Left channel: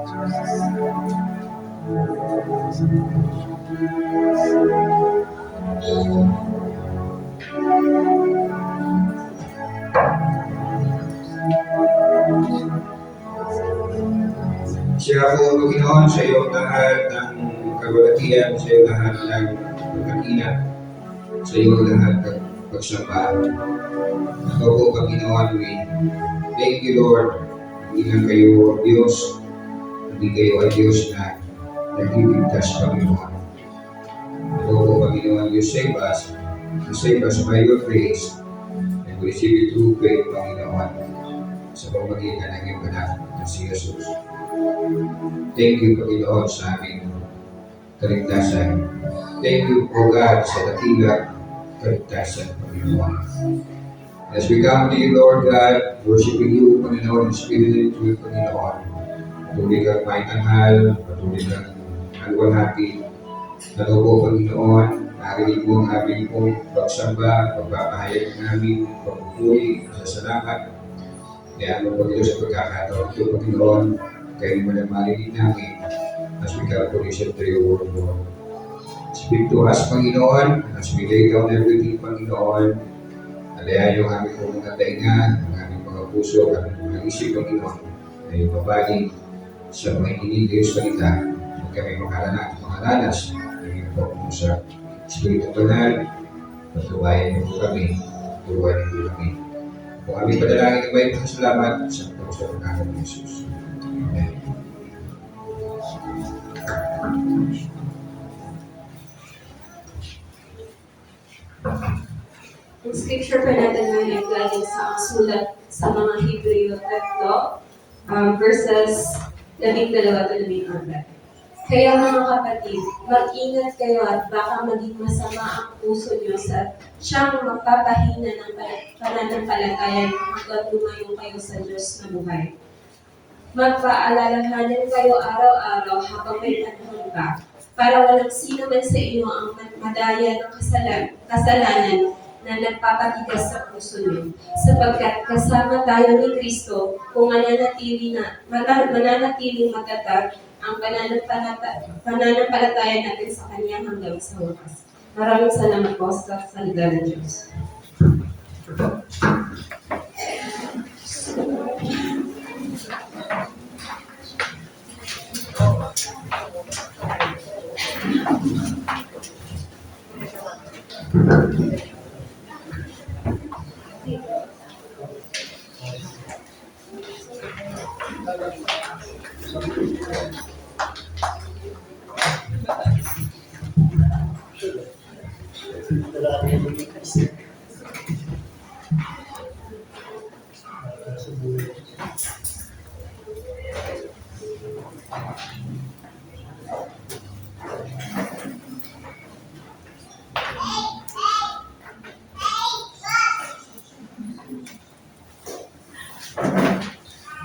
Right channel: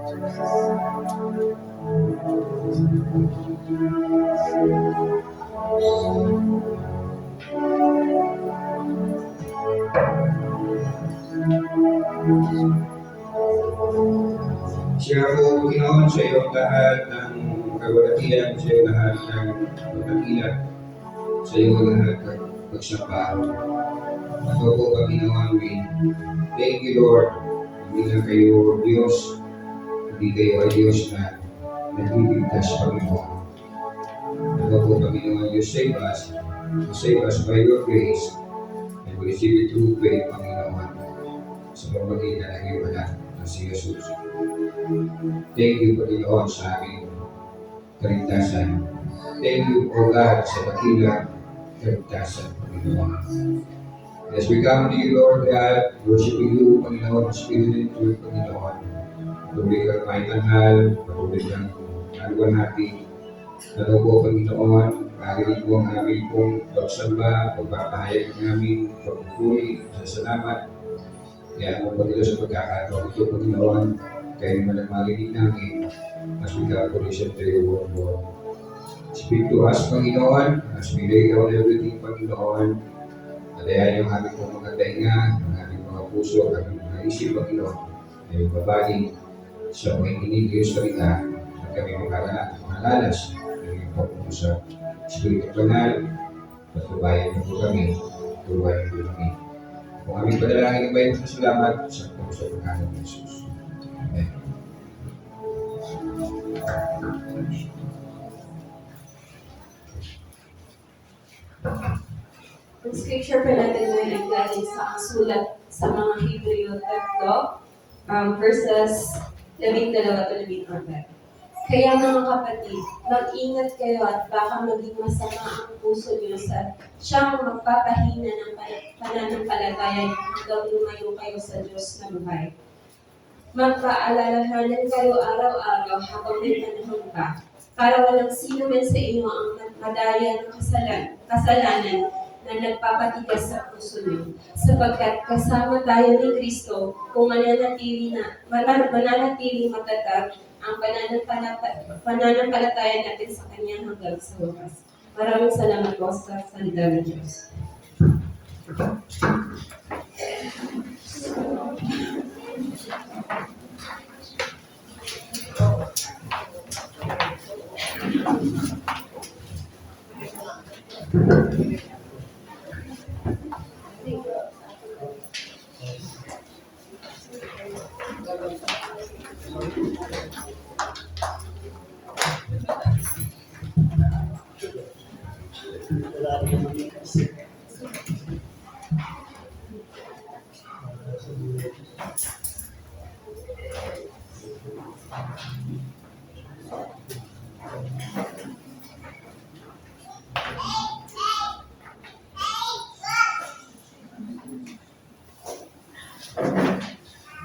Siya po, Panginoon, sa iyo lahat ng kagulatian, sa iyo lahat ng pagkakina, sa iyo lahat ng pagsamba. Ako po, Panginoon, we thank you, Lord. Hindi lang kayo Diyos, hindi kayo ay Diyos na nagliligtas, Panginoon. Ako po, Panginoon, you save us by your grace, and we receive it through faith, Panginoon, sa pamagitan ng iyong anak na si Jesus. Thank you, Panginoon, sa aming kaligtasan. Thank you, O God, sa dakilang kaligtasan, Panginoon. As we come to you, Lord God, worshiping you, Panginoon, in spirit and truth, Panginoon. Patuloy kang may tanghal, patuloy kang alwalhati. Ito po, Panginoon, narinig po ang aming pong pagsamba, pagpapahayag ng aming pagpupuri, sa salamat. Kaya ano po dito sa pagkakataon ito, Panginoon, kayo naman ang marinig namin as we come to listen to your word, Lord. Speak to us, Panginoon, as we lay down everything, Panginoon. Alayan yung aming pong mga tainga, ang aming mga puso, ang aming mga isip, Panginoon, na yung mabaling sa mga hinihiling sa salita at kami makaranak mga lalas ng iyong pagpusa. Espiritu Banal, patubayan niyo po kami, turuan niyo po kami. Kung aming panalangin ng may salamat sa pagkakas ng Jesus. Amen. Ang scripture pa natin ngayon ay galing sa sulat sa mga Hebreo 3, verses 12-14. Kaya mga kapatid, mag-ingat kayo at baka maging masama ang puso niyo sa siyang magpapahina ng pananampalataya hanggang lumayo kayo sa Diyos na buhay. Magpaalalahanan kayo araw-araw habang may panahon pa, para walang sino man sa inyo ang madaya ng kasalanan na nagpapatigas sa puso niyo. Sapagkat kasama tayo ni Kristo kung mananatiling matatag ang pananampalataya natin sa Kanya hanggang sa wakas. Maraming salamat po sa salita ng Diyos.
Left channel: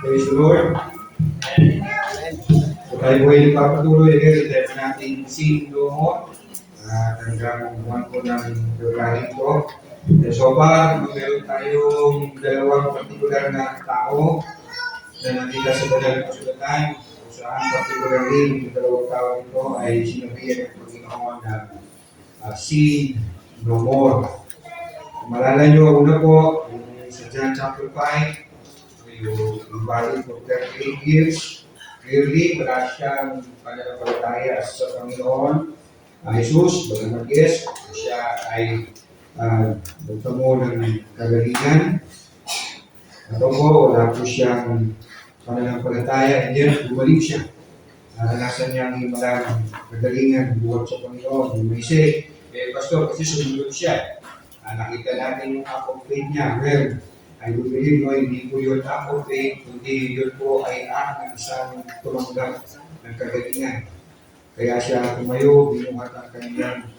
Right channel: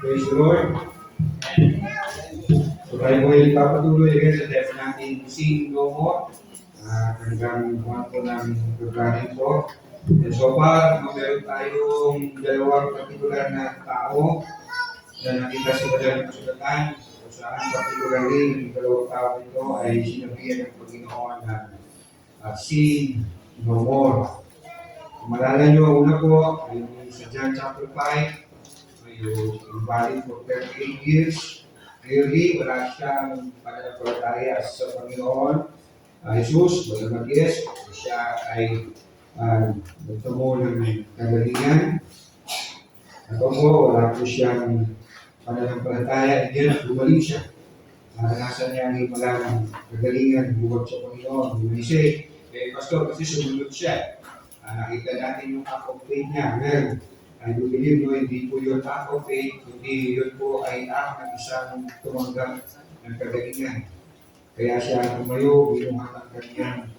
Praise the Lord. So tayo po ay nagpapatuloy again sa tema natin Sing No More. Hanggang buwan po ng February ito. So far, meron tayong dalawang partikular na tao na nakita sa banal na kasulatan. Kung saan particularly, yung dalawang tao ito ay sinabihan ng Panginoon na Sing No More. Kung malala nyo, una po, sa John chapter 5, yung valid for 38 years. Clearly, wala siyang pananampalataya sa Panginoon. Jesus, bagamat yes, siya ay nagtamo ng kagalingan. At po, wala po siyang pananampalataya. And then, bumalik siya. Naranasan niya ang imalang kagalingan buhat sa Panginoon. You may say, Pastor, kasi sumunod siya. Nakita natin yung act of faith niya. Well, I do believe no, hindi po yun act of faith, kundi yun po ay act ng isang tumanggap ng kagalingan. Kaya siya tumayo, binuhat ang kanyang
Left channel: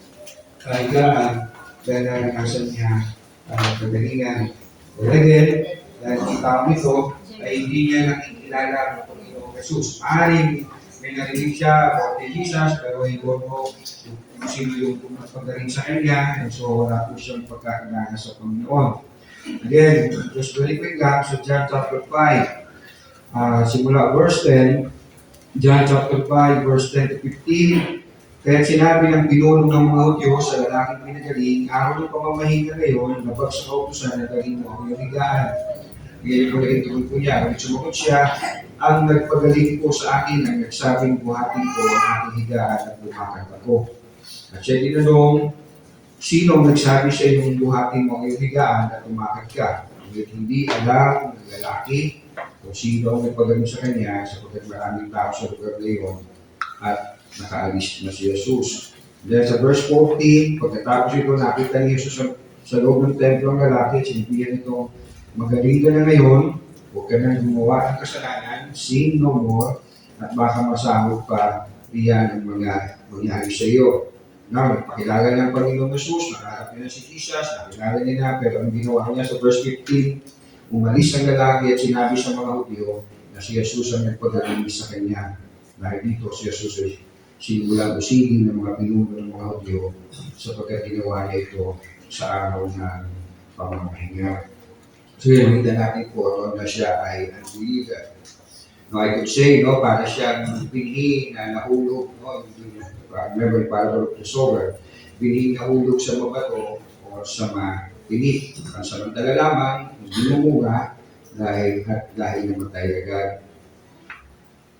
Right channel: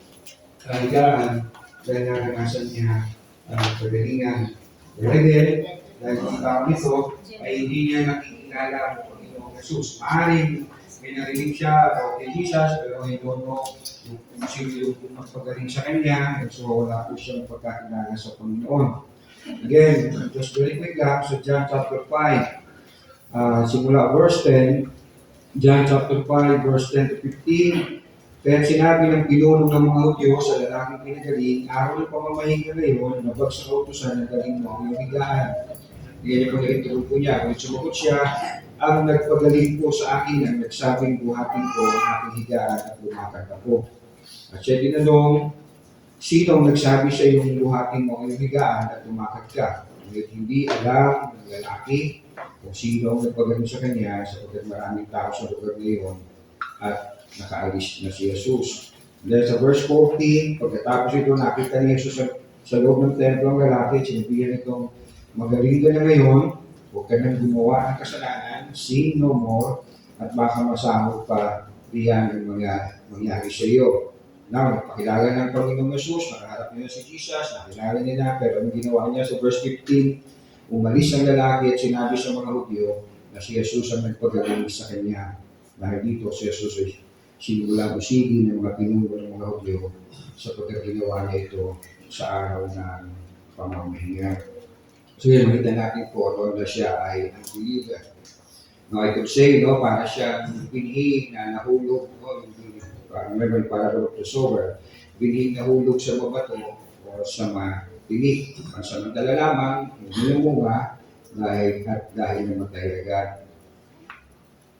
kahigaan dahil naranasan niya ang kagalingan. But again, dahil ang tao nito ay hindi niya nakikilala ang Panginoong Jesus. Maaaring may narinig siya about Jesus, pero hindi po kung sino yung pumapagaling sa kanya, and so wala po siyang pagkakilala sa Panginoon. Again, just very quick lang, so John chapter 5, simula verse 10, John chapter 5, verse 10 to 15. Kaya sinabi ng pinuno ng mga Hudyo sa lalaking pinagaling, araw ng pamamahinga ngayon, labag sa kautusan na galing mo ang iyong higaan. Ngayon po naging tugon ko niya, ngunit sumagot siya, ang nagpagaling po sa akin ang nagsabing buhatin ko ang aking higaan at lumakad ako. At siya tinanong, sino ang nagsabi sa iyong buhatin mo ang iyong higaan at lumakad ka? Ngunit hindi alam ng lalaki kung sino ang nagpagaling sa kanya sapagkat maraming tao sa lugar ngayon at nakaalis na si Jesus. Dahil sa verse 14, pagkatapos ito nakita ni Jesus sa loob ng templo ng lalaki, sinabihan itong, magaling ka na ngayon, huwag ka nang gumawa ng kasalanan, sin no more, at baka masahog pa diyan ang mga mangyari sa iyo. Now, nagpakilala ng Panginoong Jesus, nakaharap niya na si Jesus, nakilala niya na, pero ang ginawa niya sa verse 15, umalis ang lalaki at sinabi sa mga Hudyo na si Jesus ang nagpagaling sa kanya. Dahil dito si Jesus ay sinulang usigi ng mga pinuno ng mga Hudyo sapagkat ginawa niya ito sa araw ng pamamahinga. So yun, makita natin po na siya ay unbeliever. No, I could say, no, para siyang binhi na nahulog, no, remember yung parable of the sower, binhi nahulog sa mabato o sa matinik. Pansamantala lamang, hindi namunga dahil namatay agad.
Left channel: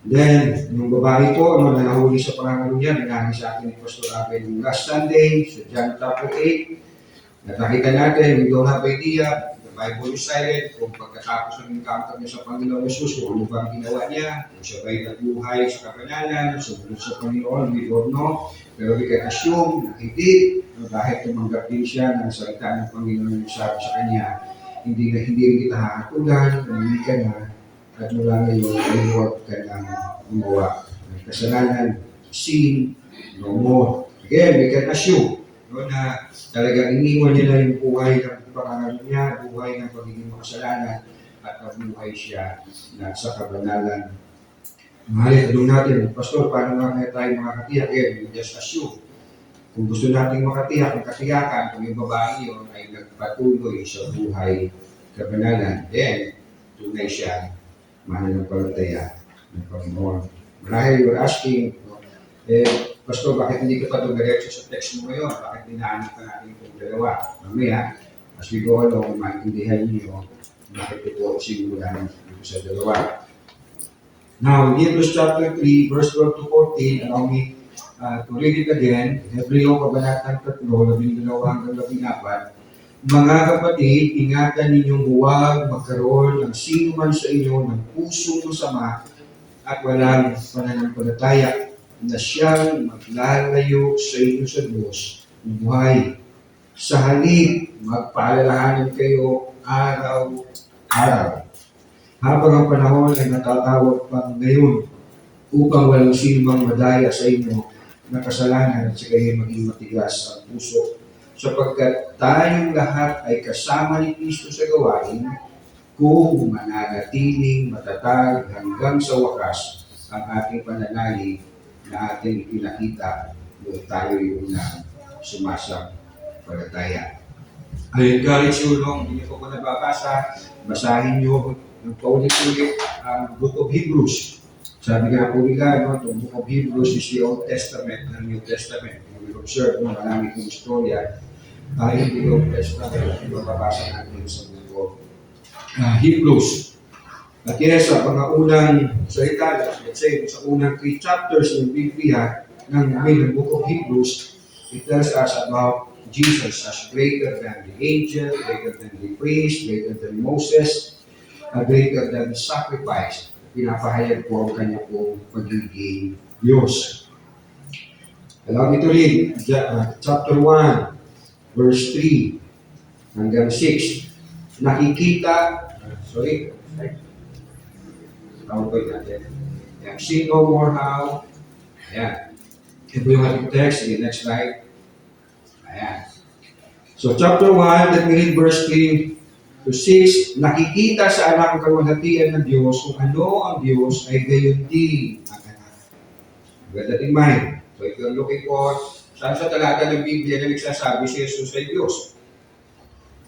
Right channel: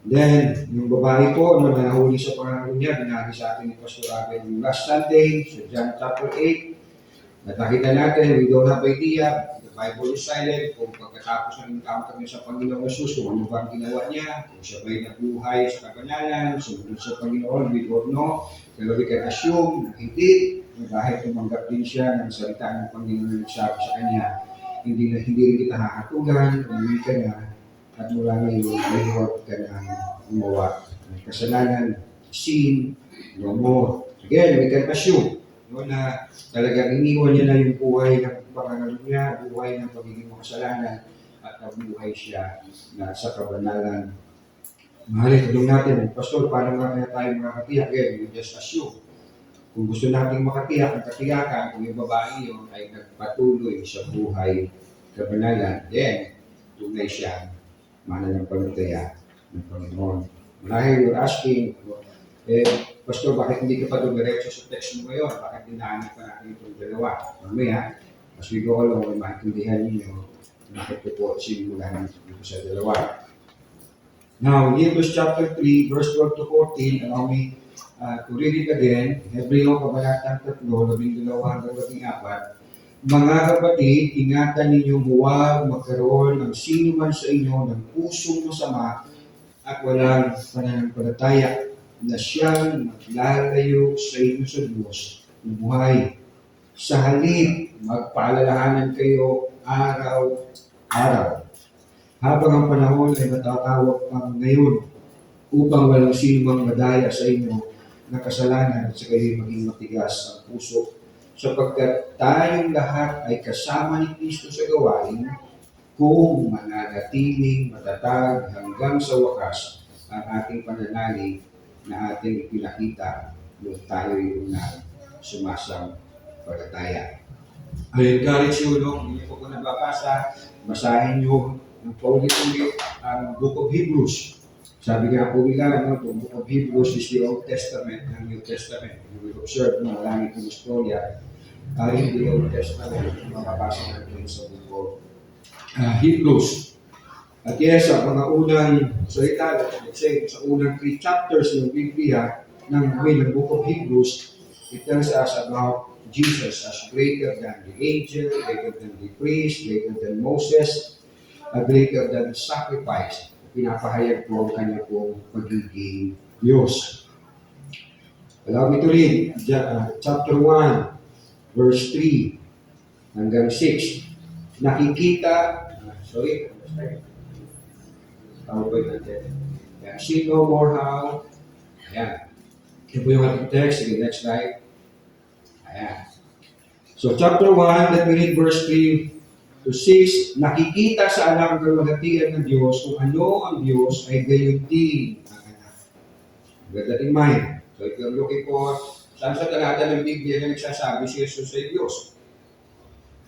Then, yung babae po, no, na nahuli sa pangangalo niya, binagi sa atin ni Pastor Abel yung last Sunday, sa John chapter 8, nakita natin, we don't have idea, the Bible is silent, kung pagkatapos ng encounter niya sa Panginoong Jesus, kung ano ba ang ginawa niya, kung siya ba'y nabuhay sa kabananan, sumunod sa Panginoon, we don't know, pero we can assume na hindi, no, dahil tumanggap din siya ng salita ng Panginoon na nagsabi sa kanya, hindi rin kita hahatulan, hindi ka na, at mula ngayon ay huwag ka nang gumawa ng kasalanan, sin, no more. Again, we can assume, no, na talagang iniwan niya na yung buhay ng pangalan niya, buhay ng pagiging makasalanan, at nabuhay siya na sa kabanalan. Mahalin, tanong natin, Pastor, paano nga kaya tayo makakatiyak? We just assume. Kung gusto nating makatiyak ng katiyakan, kung yung babae yun ay nagpatuloy sa buhay kabanalan, then tunay siya mananampalataya ng Panginoon. Marahil you're asking, Pastor, bakit hindi ka pa dumiretso sa text mo ngayon? Bakit dinahanap ka natin itong dalawa? Mamaya, as we go along, maintindihan niyo bakit ito sinulan dito sa dalawa. Now, in Hebrews chapter 3, verse 12 to 14, allow me to read it again. In Hebreo, kabanatang 3, 12 hanggang 14. Mga kapatid, ingatan ninyong huwag magkaroon ng sino man sa inyo ng pusong masama at walang pananampalataya na siyang maglalayo sa inyo sa Diyos ng buhay. Sa halip, magpaalalahanan kayo araw-araw. Habang ang panahon ay natatawag pang ngayon upang walang sino mang madaya sa inyo na kasalanan at sa kayo maging matigas ang puso. Sapagkat tayong lahat ay kasama ni Kristo sa gawain kung mananatiling matatag hanggang sa wakas ang ating pananalig na ating ipinakita doon tayo yung sumasampalataya. I encourage you, hindi po ko nababasa, basahin nyo ng paulit-ulit ang Book of Hebrews. Sabi nga po nila, itong Book of Hebrews is the Old Testament ng New Testament. We observe, marami kong istorya ay the Old Testament, mababasa natin sa Book of Hebrews. At yes, sa mga unang salita, let's say, sa unang 3 chapters ng Biblia, ng Book of Hebrews, it tells us about Jesus as greater than the angel, greater than the priest, greater than Moses, greater than the sacrifice. Pinapahayag po ang kanya pong pagiging Diyos. Allow me to read chapter 1, verse 3 hanggang 6. Nakikita, see no more how. Ayan. Ito yung ating text. Sige, next slide. Ayan. So chapter 1, let me read verse 3 to 6. Nakikita sa anak ng kalwalhatian ng Diyos kung ano ang Diyos ay gayon din ang anak. With that in mind. So if you're looking for saan sa talata ng Biblia na nagsasabi si Jesus ay Diyos.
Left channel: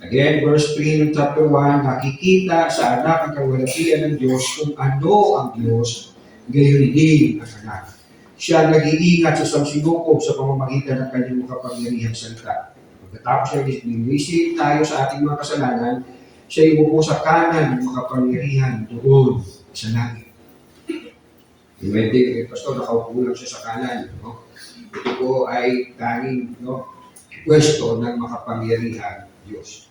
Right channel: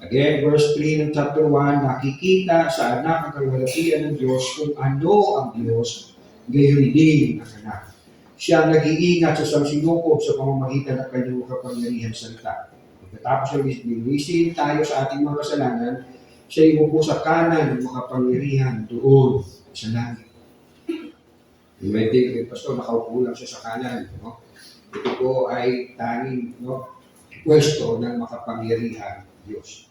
Again, verse 3 ng chapter 1, nakikita sa anak ng kalwalhatian ng Diyos kung ano ang Diyos gayon din ang anak. Siya nag-iingat sa samsinukob sa pamamagitan ng kanyang makapangyarihang salita. Pagkatapos niya linisin tayo sa ating mga kasalanan, siya imupo sa kanan ng makapangyarihan doon sa langit. May tingin, Pastor, nakaupo lang siya sa kanan. No? Ito po ay tanging pwesto ng makapangyarihan Diyos.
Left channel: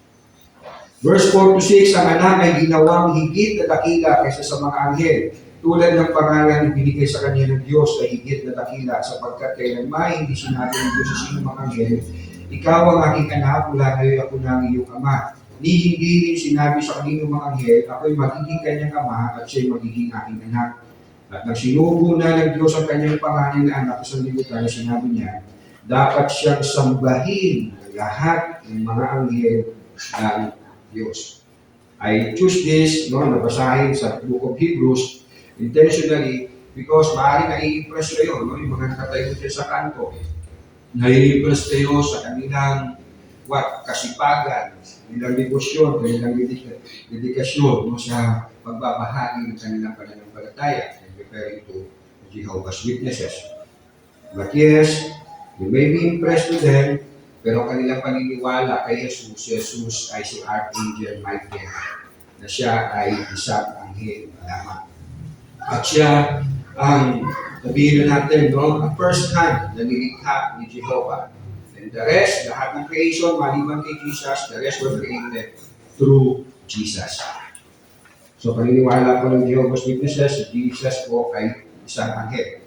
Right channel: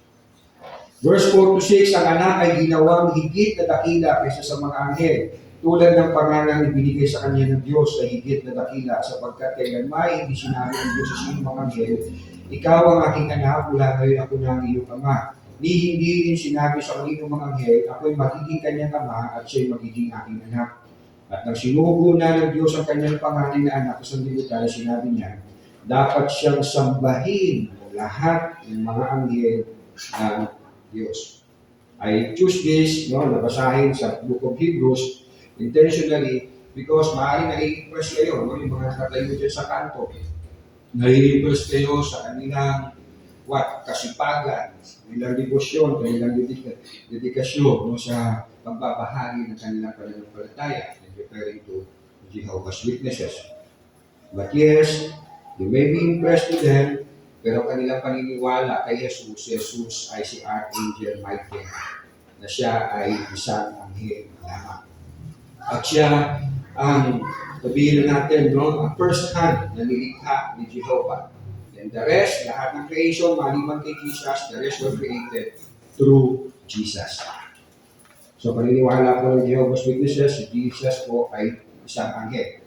Verse 4 to 6, ang anak ay ginawang higit na dakila kaysa sa mga anghel. Tulad ng pangalan na binigay sa kanya ng Diyos ay higit na dakila sapagkat kailanman hindi sinabi ng Diyos sa sino mga anghel, ikaw ang aking anak, mula ngayon ako na ang iyong ama. Ni hindi rin sinabi sa kanino mga anghel, ako'y magiging kanyang ama at siya'y magiging aking anak. At nang sinugo na ng Diyos ang kanyang pangalan na anak sa libutan, sinabi niya, dapat siyang sambahin ng lahat ng mga anghel ng Diyos. I choose this, nabasahin sa Book of Hebrews, intentionally, because maaaring nai-impress kayo, yung mga nakatayo dyan sa kanto. Nai-impress kayo sa kanilang kasipagan, kanilang debosyon, kanilang dedikasyon sa pagbabahagi ng kanilang pananampalataya, referring to Jehovah's Witnesses. But yes, you may be impressed with them, pero kanilang paniniwala kay Jesus ay si Archangel Michael, na siya ay isang anghel lamang. At siya ang, sabihin natin, ang first hand na nilikha ni Jehovah. And the rest, lahat ng creation, maliban kay Jesus, the rest were created through Jesus. So, paniniwala po ng Jehovah's Witnesses, Jesus po ay isang anghel.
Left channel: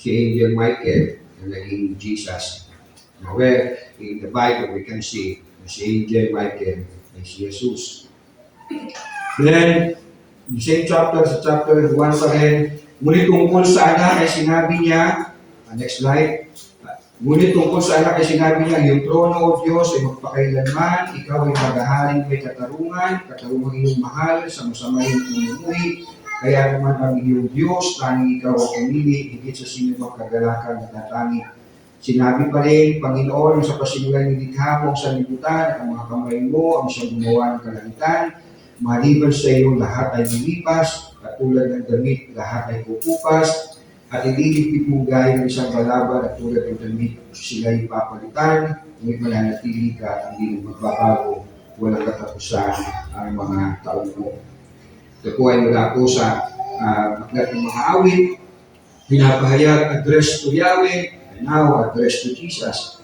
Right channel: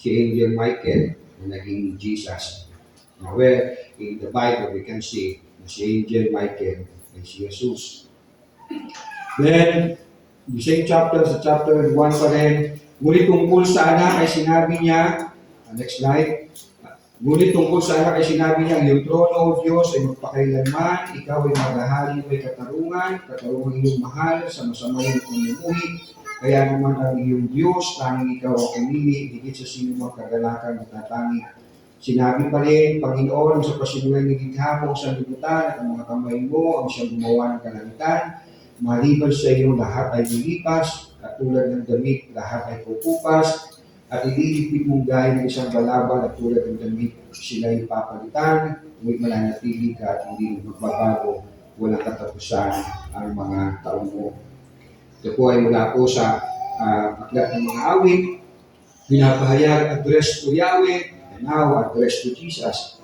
Si Angel Michael na naging Jesus. Now, where in the Bible we can see na si Angel Michael ay si Jesus. Then, the same chapter, sa chapter 1 pa rin, ngunit tungkol sa anak ay sinabi niya, next slide, ngunit tungkol sa anak ay sinabi niya, iyong trono o Diyos ay magpakailanman, ikaw ay maghahaling may katarungan iyong mahal sa masamay mamumuhi, kaya naman ang iyong Diyos, tanging ikaw ang pumili, higit sa sino magkagalakan at natangi. Sinabi pa rin, Panginoon, sa pasimulay ni likha mo sa libutan, ang mga kamay mo ang siyang gumawa ng kalangitan, maliban sa iyo lahat ay lilipas, at tulad ng damit, lahat ay pupupas, at ililipid mong gaya ng isang balaban at tulad ng damit, sila'y papalitan, ngunit mananatili ka at hindi magbabago, walang katapusan ang mga taon mo. Ito po ay mula po sa aklat ng mga awit, pinapahayag, address to Yahweh, and now address to Jesus.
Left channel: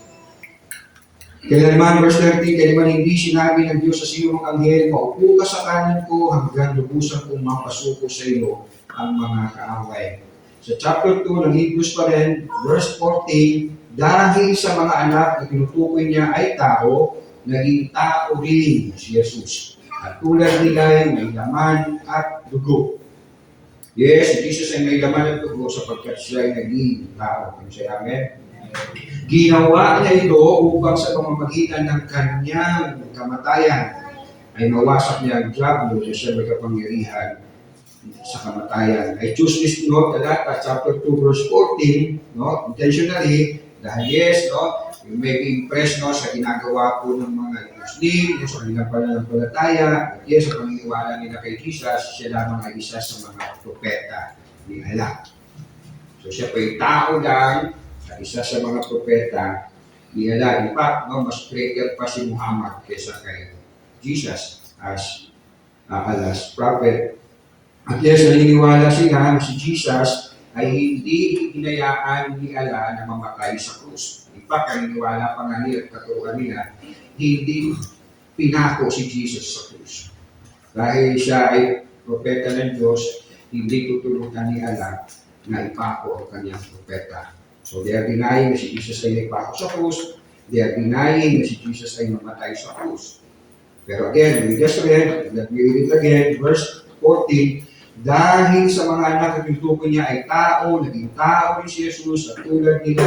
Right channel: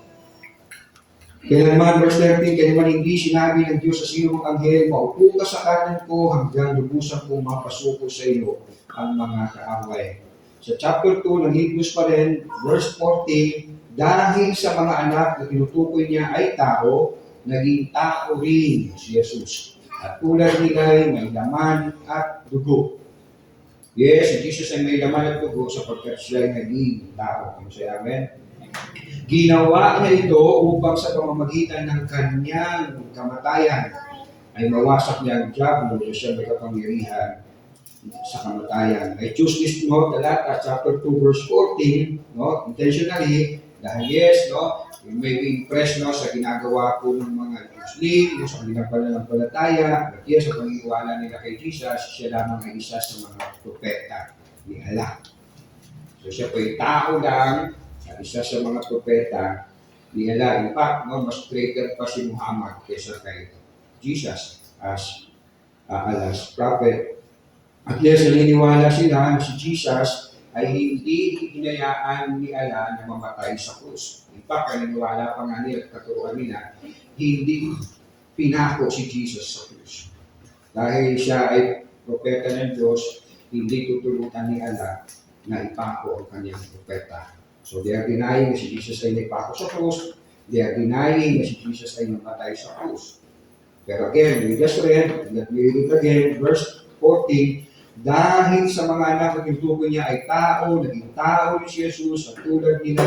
Kaya naman, verse 13, kaya naman hindi sinabi ng Diyos sa sino ang anghel, maupo ka sa kanan ko hanggang lubusan kong mapasuko sa iyo ang mga kaaway. Sa chapter 2 ng Hebrews pa rin, verse 14, dahil sa mga anak na tinutukoy niya ay tao, naging tao rin si Jesus. At tulad nila ay may laman at dugo. Yes, si Jesus ay may laman at dugo sapagkat siya ay naging tao. Kung siya, amen? Ginawa niya ito upang sa pamamagitan ng kanyang kamatayan ay mawasak niya ang diablo na siya may kapangyarihan sa kamatayan. I choose this talata, chapter 2, verse 14, intentionally, dahil yes, you may be impressed sa ginagawa po ng mga Muslim, sa kanilang pananampalataya, at yes, sa paniniwala nila kay Jesus, siya lamang ay isa sa mga propeta ni Allah. So siya po'y tao lang, at isa sa mga propeta ni Allah. In fact, mas greater pa si Muhammad kaysa kay Jesus as Allah's prophet. At yes, naniniwala sila na si Jesus ay hindi hinayaan ni Allah na mamatay sa krus. In fact, naniniwala pa nga nila at katuruan nila, hindi pinako si Jesus sa krus. Dahil siya ay propeta ng Diyos, hindi tutulutan ni Allah na ipako ang kanyang propeta. So they are denying na si Jesus ay naipako sa krus. They are denying na si Jesus ay namatay sa krus. Pero again, we just read, let me read it again, verse 14, dahil sa mga anak na tinutukoy niya ay tao, naging tao rin si Jesus, at tulad nila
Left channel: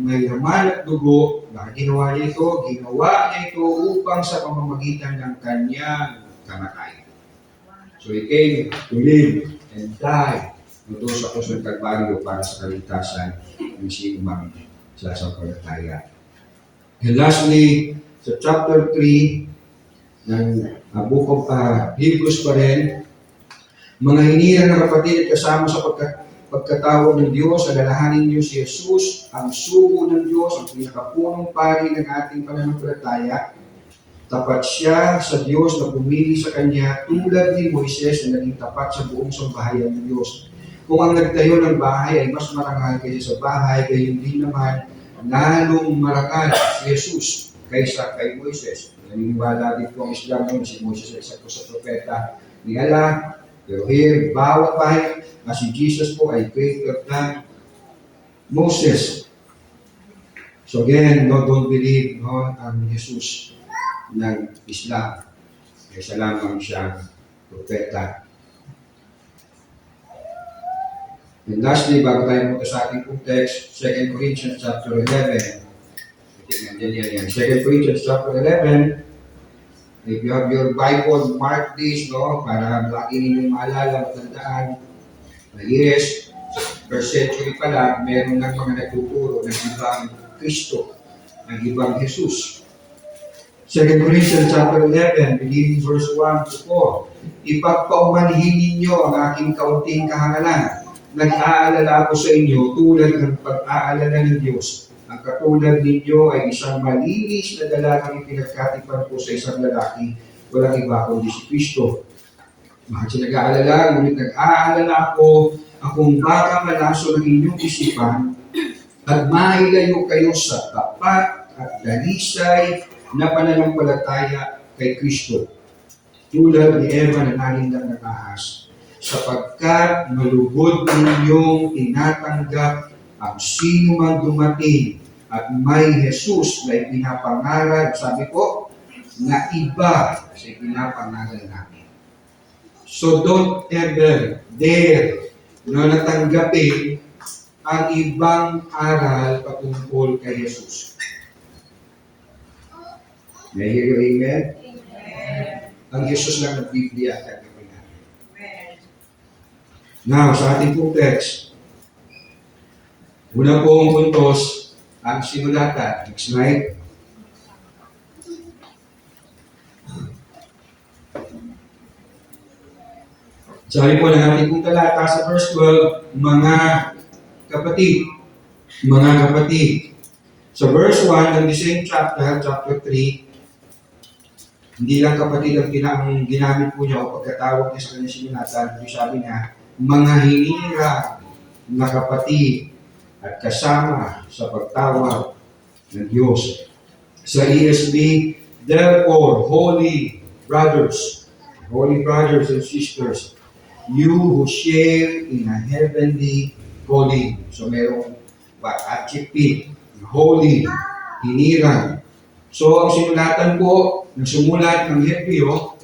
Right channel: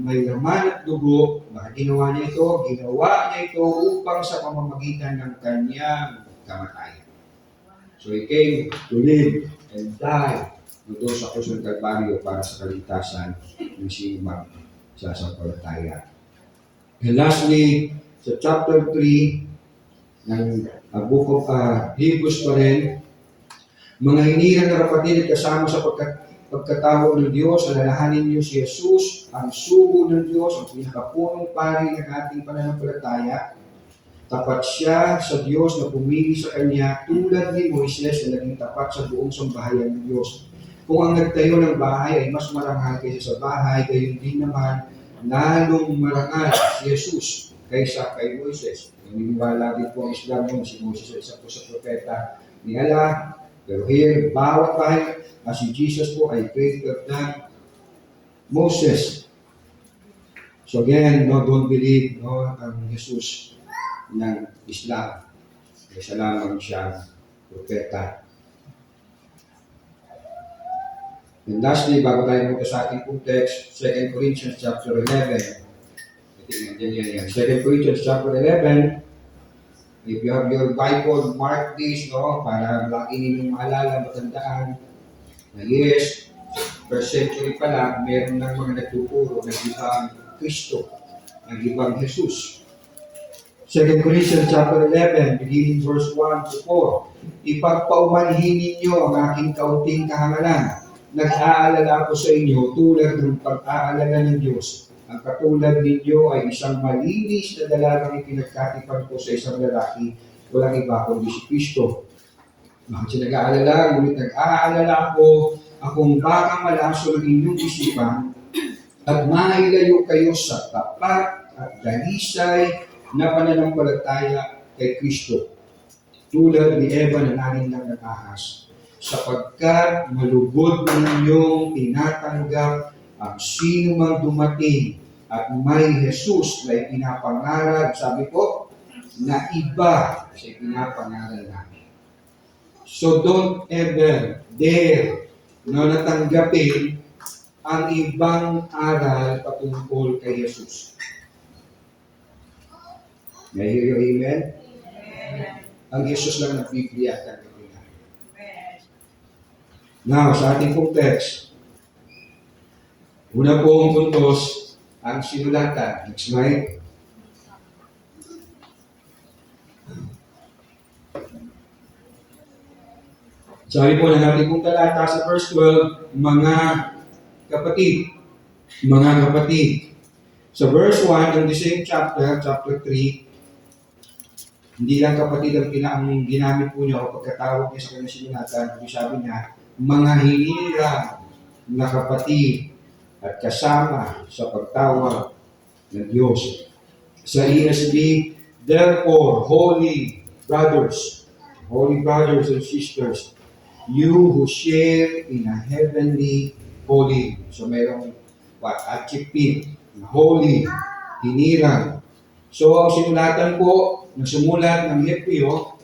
may laman at dugo, dahil ginawa niya ito upang sa pamamagitan ng kanyang kamatayan. So he came to live and die doon sa krus ng Kalbaryo para sa kaligtasan ng sinuman sa sampalataya. And lastly, sa chapter 3 ng Book of Hebrews pa rin, mga hinirang na kapatid at kasama sa pagkatawag ng Diyos, alalahanin niyo si Jesus, ang sugo ng Diyos, ang pinakapunong pari ng ating pananampalataya. Tapat siya sa Diyos na pumili sa Kanya tulad ni Moises na naging tapat sa buong sambahayan ng Diyos. Kung ang nagtayo ng bahay ay mas marangal kaysa sa bahay, gayon din naman lalong marangal si Jesus kaysa kay Moises. Naniniwala din po ang Islam na si Moises ay isa po sa propeta ni Allah. Pero here, bawat bahay na si Jesus po ay greater than Moses. So again, no, don't believe ang Jesus ng Islam. Kaysa lamang siyang propeta. And lastly, bago tayo punta sa ating pong text, 2 Corinthians chapter 11. Tingnan din yan. 2 Corinthians chapter 11. If you have your Bible, mark this, no? Para lagi ninyong maalala, matandaan. Na yes, first century pa lang, meron ng mga nagtuturo ng ibang Kristo, ng ibang Jesus. 2 Corinthians chapter 11, beginning verse 1 to 4. Ipagpaumanhin ninyo ang aking kaunting kahangalan. Nag-aalala ko sa inyo tulad ng pag-aalala ng Diyos. Ang katulad ninyo ay isang malinis na dalagang ipinagkatipan ko sa isang lalaki, walang iba kundi si Kristo. Bakit siya nag-aalala? Ngunit nag-aalala ako akong baka malaso ng inyong isipan at mailayo kayo sa tapat at dalisay na pananampalataya kay Kristo. Tulad ni Eva na nanindag ng ahas, sapagkat malugod ninyong tinatanggap ang sino mang dumating at may Jesus na ipinapangaral, sabi ko, na iba sa ipinapangaral namin. So don't ever dare na natanggapin ang ibang aral patungkol kay Jesus. May I hear you, amen? Amen. Ang Jesus lang ng Biblia at tanggapin natin. Now, sa ating pong text, unang pong puntos ang sinulatan. Next slide. Sabi po ng ating pong talata sa verse 12, mga kapatid, Sa verse 1 ng the same chapter, chapter 3, hindi lang kapatid ang ginamit po niya o pagkatawag niya sa kanyang sinulatan, kundi sabi niya, mga hinirang na kapatid at kasama sa pagtawag ng Diyos. Sa ESV, therefore, holy brothers and sisters, you who share in a heavenly calling. So merong adjective, holy, hinirang. So ang sinulatan po, nagsumulat ng Hebreo,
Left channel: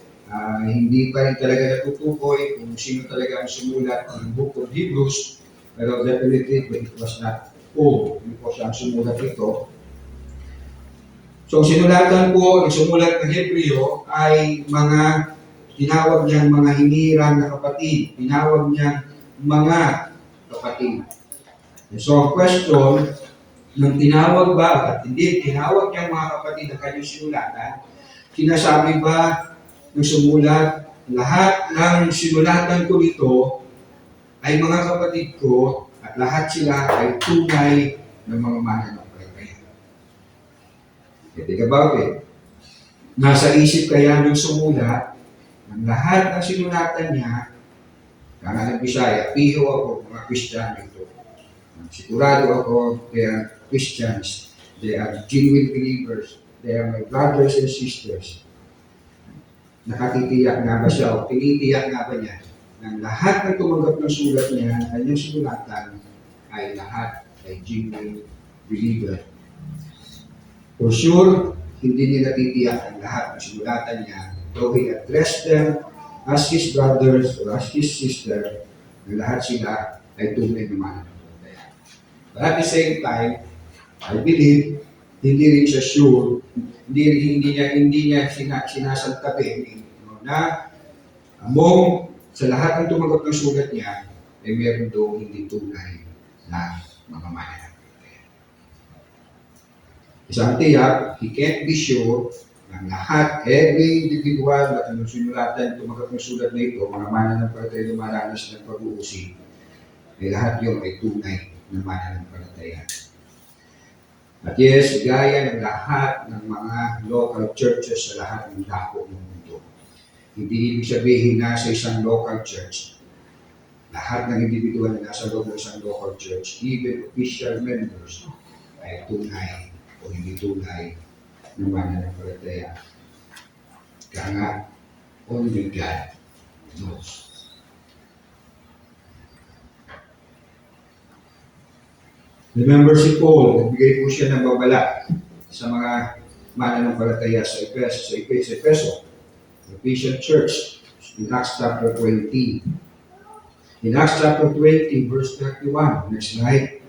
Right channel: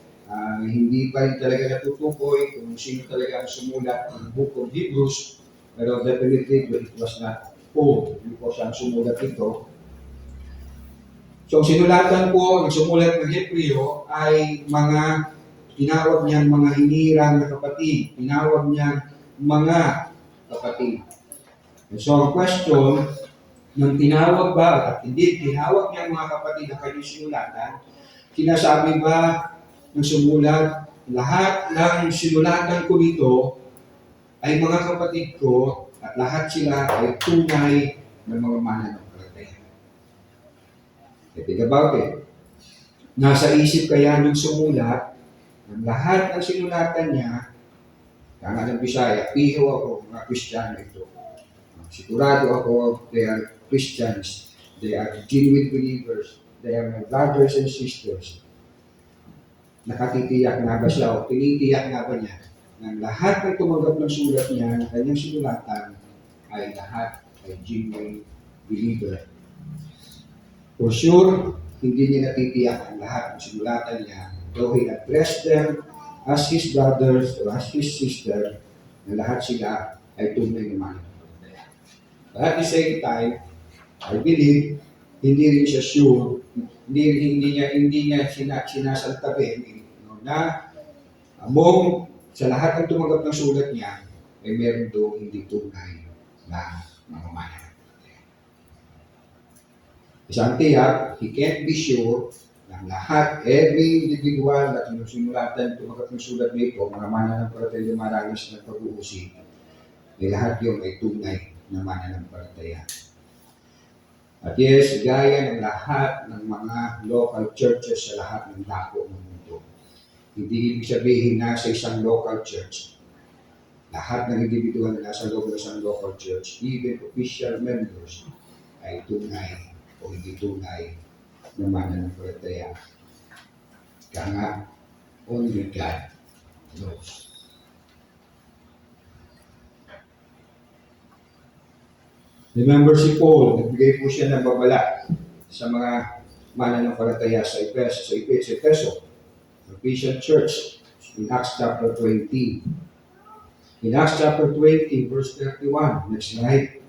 hindi pa rin talaga natutukoy kung sino talaga ang sumulat ng Book of Hebrews, pero definitely it was not Paul, hindi po siya ang sumulat ito. So ang sinulatan po, nagsumulat ng Hebreo ay mga tinawag niyang mga hinirang na kapatid, tinawag niyang mga kapatid. So ang question, nang tinawag ba at hindi tinawag niyang mga kapatid ang kanyang sinulatan, sinasabi ba ng sumulat, lahat ng sinulatan ko dito ay mga kapatid ko at lahat sila ay tunay na mga mananampalataya. Think about it. Nasa isip kaya ng sumulat ng lahat ng sinulatan niya, kaya ng Bisaya, piho ako, mga Kristiyano ito. Sigurado ako, they are Christians. They are genuine believers. They are my brothers and sisters. Nakatitiyak nga ba siya o tinitiyak nga ba niya ng lahat ng tumanggap ng sulat niya, ng kanyang sinulatan, ay lahat ay genuine believer. For sure, hindi niya natitiyak ang lahat ng sinulatan niya, though he addressed them as his brothers or as his sister, na lahat sila ay tunay naman. But at the same time, I believe, hindi rin siya sure, hindi niya sinasantabi na among sa lahat ng tumanggap ng sulat niya, ay meron doon hindi tunay na mga mananampalataya. Isang tiyak, he can't be sure na lahat, every individual na sinulatan tumanggap ng sulat na ito, mga mananampalataya lumaranas ng pag-uusig, ay lahat yun ay tunay na mananampalataya. At yes, gaya ng lahat ng mga local churches sa lahat ng dako ng mundo. Hindi ibig sabihin na sa isang local church, lahat ng individual na nasa loob ng isang local church, even official members, ay tunay o hindi tunay na mananampalataya. Kaya nga, only God knows. Remember si Paul, nagbigay po siya ng babala sa mga mananampalataya sa Efeso, Ephesian Church, in Acts chapter 20. In Acts chapter 20, verse 31, next slide.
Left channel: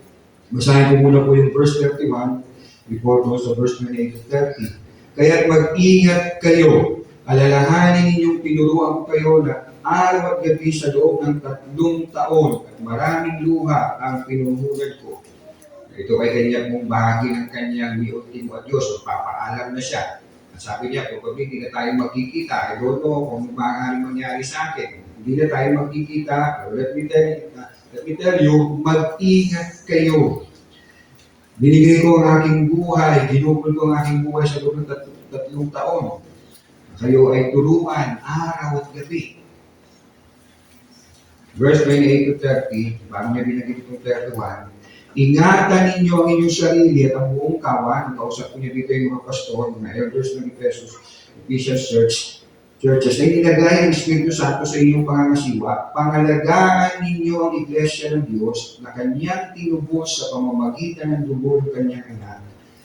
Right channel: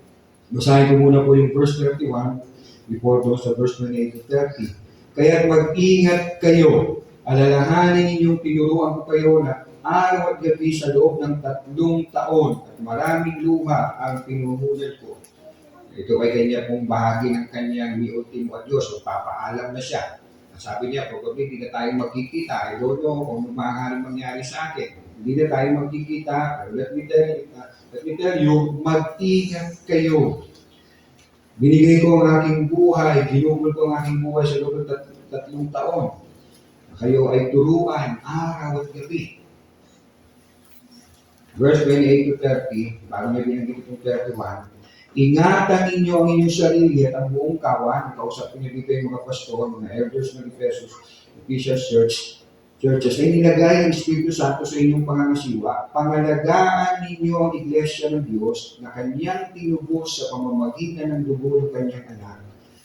Basahin ko muna po yung verse 31 before goes to verse 28 to 30. Kaya mag-ingat kayo, alalahanin ninyong tinuruan ko kayo na araw at gabi sa loob ng 3 taon at maraming luha ang pinuhunan ko. Ito ay kanya pong bahagi ng kanyang may ultimo at Diyos. So, papaalam na siya. At sabi niya, probably hindi na tayo magkikita. I don't know kung maaaring mangyari sa akin. Hindi na tayo magkikita. Pero let me tell you, mag-ingat kayo. Binigay ko ang aking buhay, ginugol ko ang aking buhay sa loob ng 3 taon. Kayo ay turuan araw at gabi. Verse 28 to 30, bago niya binagay itong 31, ingatan ninyo ang inyong sarili at ang buong kawan. Kausap ko niya dito yung mga pastor, mga elders ng Ephesian churches, ay nilagay ng Espiritu Santo sa inyong pangangasiwa. Pangalagaan ninyo ang Iglesia ng Diyos na kanyang tinubos sa pamamagitan ng dugo ng kanyang anak.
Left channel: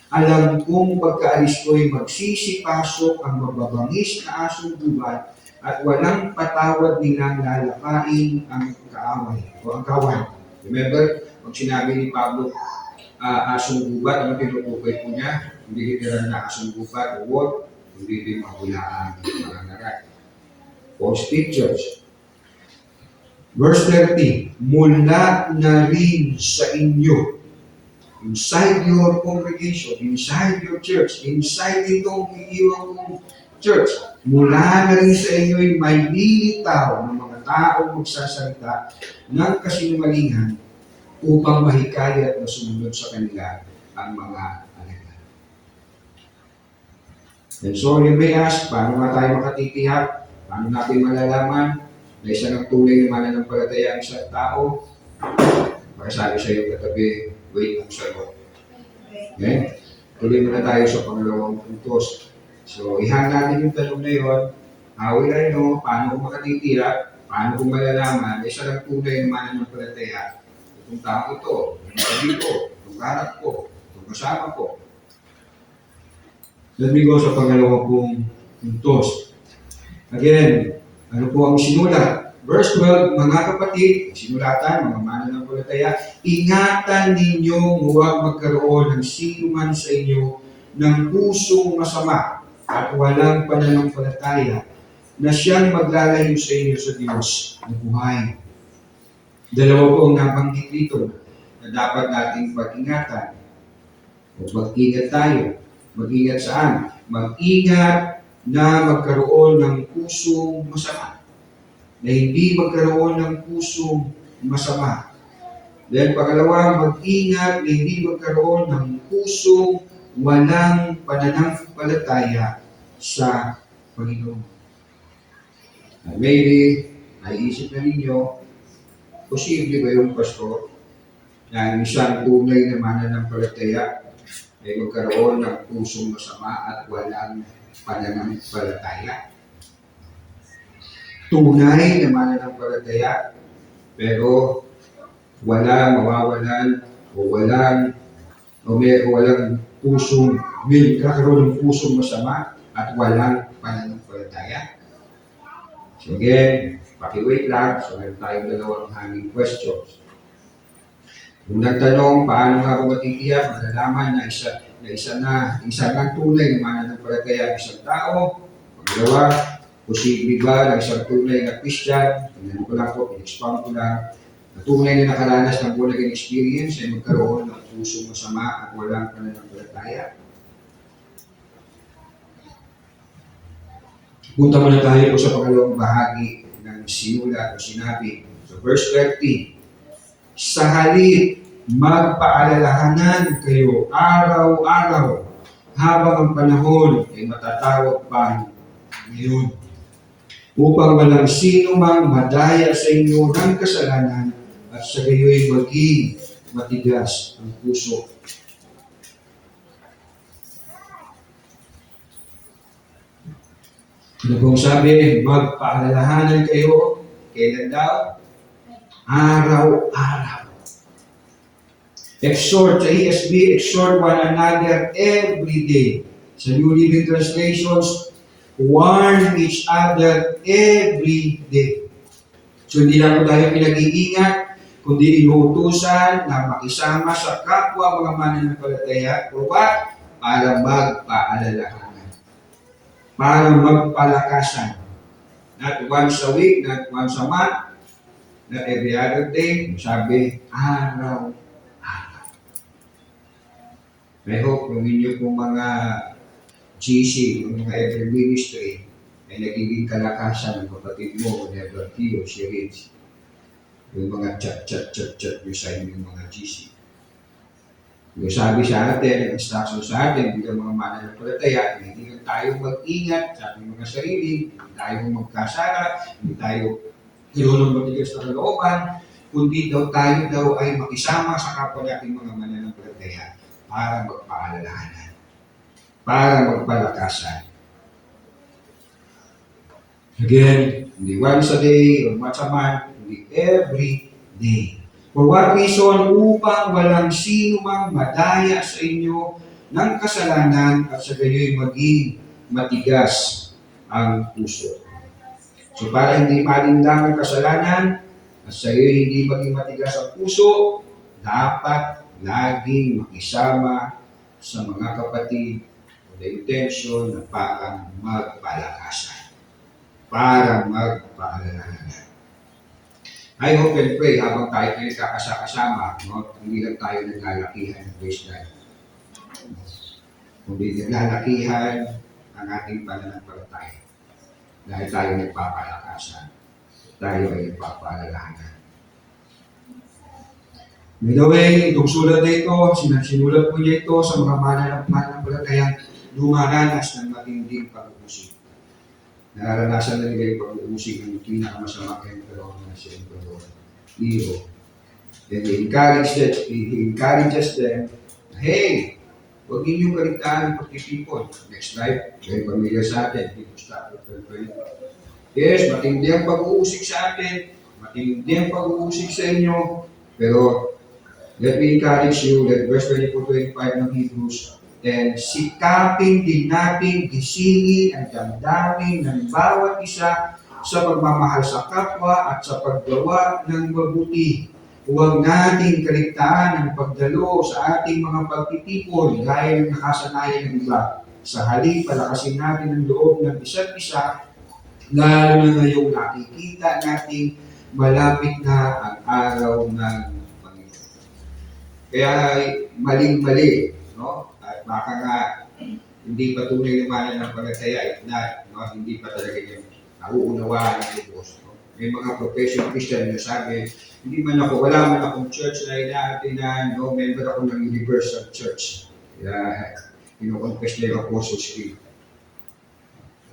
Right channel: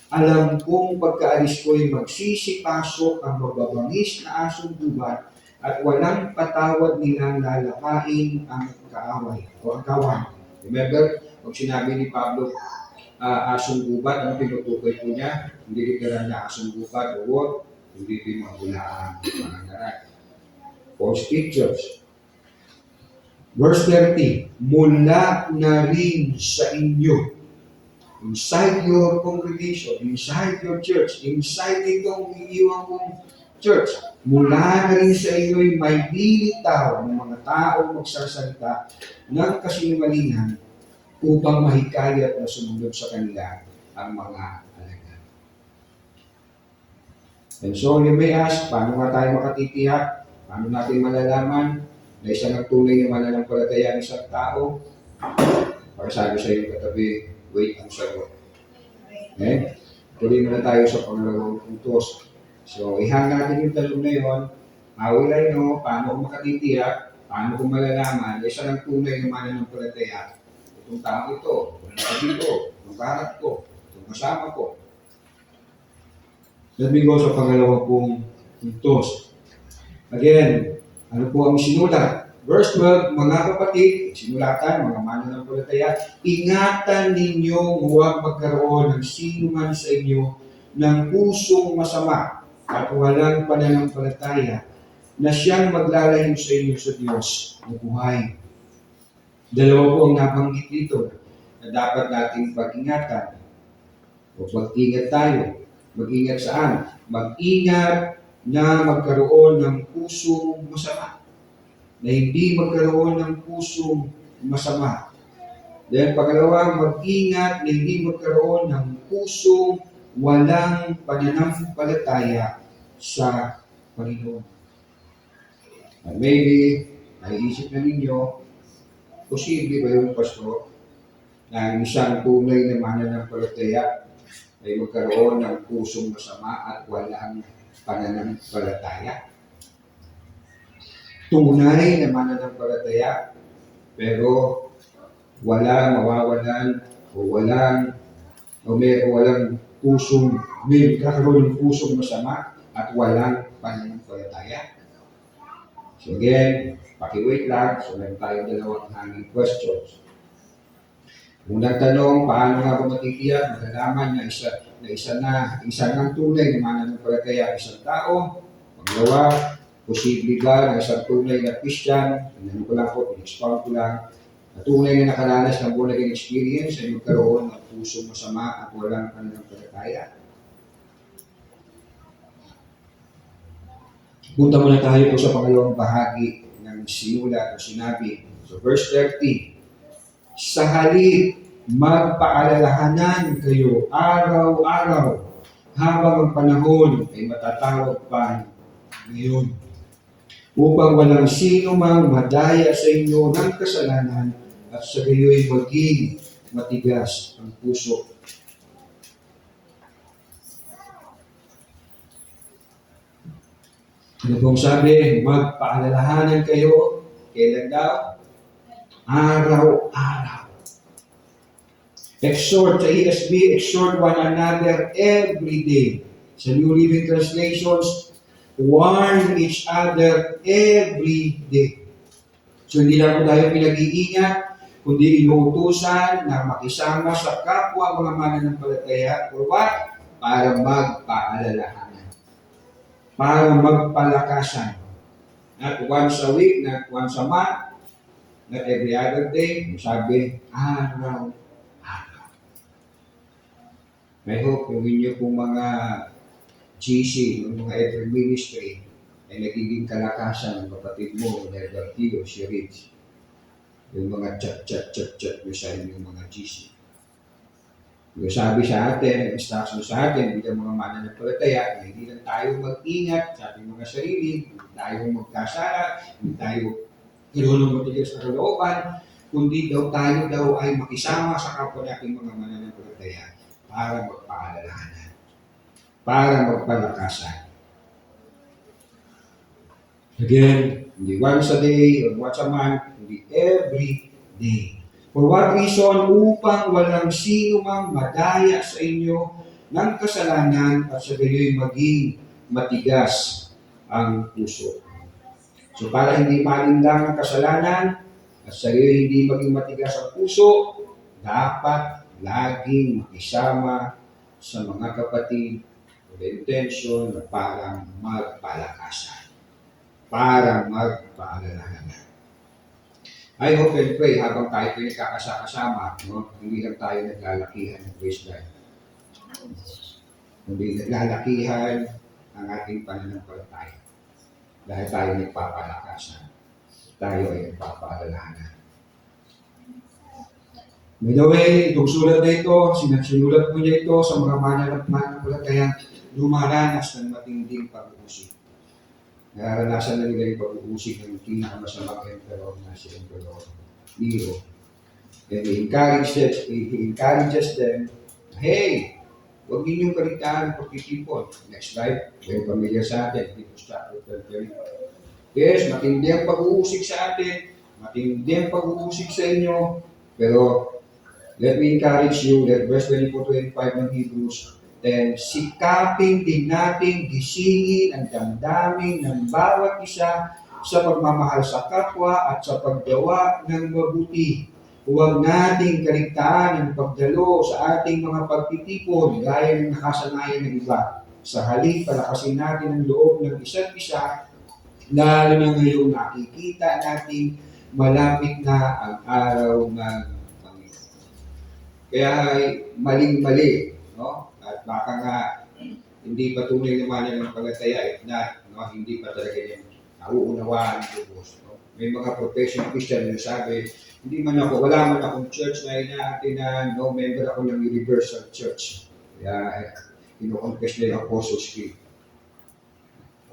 Alam kong pagkaalis ko'y magsisipasok ang mababangis na asong gubat at walang patawad nilang lalapain ang kaaway o ang kawan. Remember, pag sinabi ni Pablo, asong gubat, ano tinutukoy po niya? Hindi literal na asong gubat o what? Hindi din mahulaan mga ngaray. False teachers. Verse 30, mula na rin sa inyo, inside your congregation, inside your church, inside itong iniwang kong church, mula na rin sa inyo ay may lilitaw ng mga taong magsasalita ng kasinungalingan upang mahikayat na sumunod sa kanila ang mga alagad. And so you may ask, paano nga tayo makatitiyak? Paano natin malalaman na isa ng tunay na mananampalataya ng isang tao? Pagkasabi sa iyo katabi, wait ang sagot. Okay? Tuloy muna tayo sa pangalawang puntos. So, ihan natin yung tanong na yun. How will I know? Paano ko makatitiyak? Paano ko malalaman na isa ng tunay na mananampalataya? Itong tao ito, itong katabi ko, itong kaharap ko, itong kasama ko. Let me go sa pangalawang pong puntos. Again, ano po ang sinulat? Verse 12, mga kapatid, sinulatan, mga mananampalataya, ingatan ninyo huwag magkaroon ng sino man sa inyo ng pusong masama at walang pananampalataya na siyang maglalayo sa inyo sa Diyos na buhay. Dalawa po ang nabanggit dito na dapat nating pag-ingatan o mag-ingat tayo. Mag-ingat saan? Mag-ingat na magkaroon ng pusong masama. Na hindi magkaroon ng pusong masama. Then pangalawa, mag-ingat na hindi magkaroon ng pusong walang pananampalataya sa Panginoon. At maybe, naiisip na ninyo, posible ba yung pastor na isang tunay na mananampalataya ay magkaroon ng pusong masama at walang pananampalataya? Tunay na mananampalataya, pero mawawalan o walang pusong, may kakaroon ng pusong masama at walang pananampalataya. So again, paki-wait lang. So meron tayong dalawang hanging questions. Unang tanong, paano nga ba matitiyak, malalaman na isa ng tunay na mananampalataya ng isang tao? Pangalawa, posible ba na isang tunay na Christian, tingnan ko lang po, in-expound ko lang, na tunay na nakaranas ng born again experience ay magkaroon ng pusong masama at walang pananampalataya? Punta muna tayo po sa pangalawang bahagi ng sinulat o sinabi. So verse 30, Sa halip, magpaalalahanan kayo araw-araw habang ang panahon ay matatawag pa ngayon, upang walang sino mang madaya sa inyo ng kasalanan at sa gayo'y maging matigas ang puso. Ano pong sabi? Magpaalalahanan kayo. Kailan daw? Araw-araw. Exhort, sa ESV, exhort one another every day. Sa New Living Translations, warn each other every day. So hindi lang tayo pinag-iingat, kundi inuutusan na makisama sa kapwa mga mananampalataya for what? Para magpaalalahanan. Para magpalakasan. Not once a week, not once a month, not every other day. Sabi, araw-araw. I hope yung inyo pong mga GC, yung mga every ministry, ay nagiging kalakasan ng kapatid mo, Never Tio, si Rich. Yung mga chat yung sa inyong mga GC. Yung sabi sa atin, yung instruction sa atin, bilang mga mananampalataya, hindi lang tayo mag-ingat sa ating mga sarili, hindi tayo magkasala, hindi tayo ng matigas na kalooban, kundi tayo ay makisama sa kapwa nating mga mananampalataya para magpaalalahanan, para magpalakasan. Again, hindi once a day or once a month, hindi every day. For what reason? Upang walang sino mang madaya sa inyo ng kasalanan at sa gayo'y maging matigas ang puso. So para hindi malinlang ang kasalanan at sa gayo'y hindi maging matigas ang puso, dapat laging makisama sa mga kapatid with the intention na parang magpalakasan, para magpaalalahanan. I hope and pray habang tayo kakasama, no? Hindi lang tayo naglalakihan ng praise God. Hindi naglalakihan ang ating pananampalataya. Dahil tayo nagpapalakasan, tayo ay nagpapaalalahanan. By the way, itong sulat na ito, sinulat po niya ito sa mga mananampalatayang dumaranas ng matinding pag-uusig. Nararanasan na nila yung pag-uusig ng pinakamasamang emperor na si Emperor Nero. And he encourages them, hey, huwag ninyong kaligtaan ng pagtitipon. Next slide, very familiar sa atin. Yes, matindi ang pag-uusig sa atin, matindi ang pag-uusig sa inyo, pero let me encourage you that verse 24-25 ng Hebrews, then sikapin din natin gisingin ang damdamin ng bawat isa sa pagmamahal sa kapwa at sa paggawa ng mabuti. Huwag nating kaligtaan ang pagdalo sa ating mga pagtitipon gaya ng nakasanayan ng iba. Sa halip, palakasin natin ang loob ng isa't isa, lalo na ngayong nakikita natin malapit na ang araw ng kaya maling-mali, no? At baka nga hindi pa tunay na mananampalataya, hindi pa talaga yung nauunawaan ng Diyos. No? May mga professional Christian na sabi, wala man akong church na inaatinan, no member ako ng Universal Church. Kaya ino-confess na yung Apostles' Creed.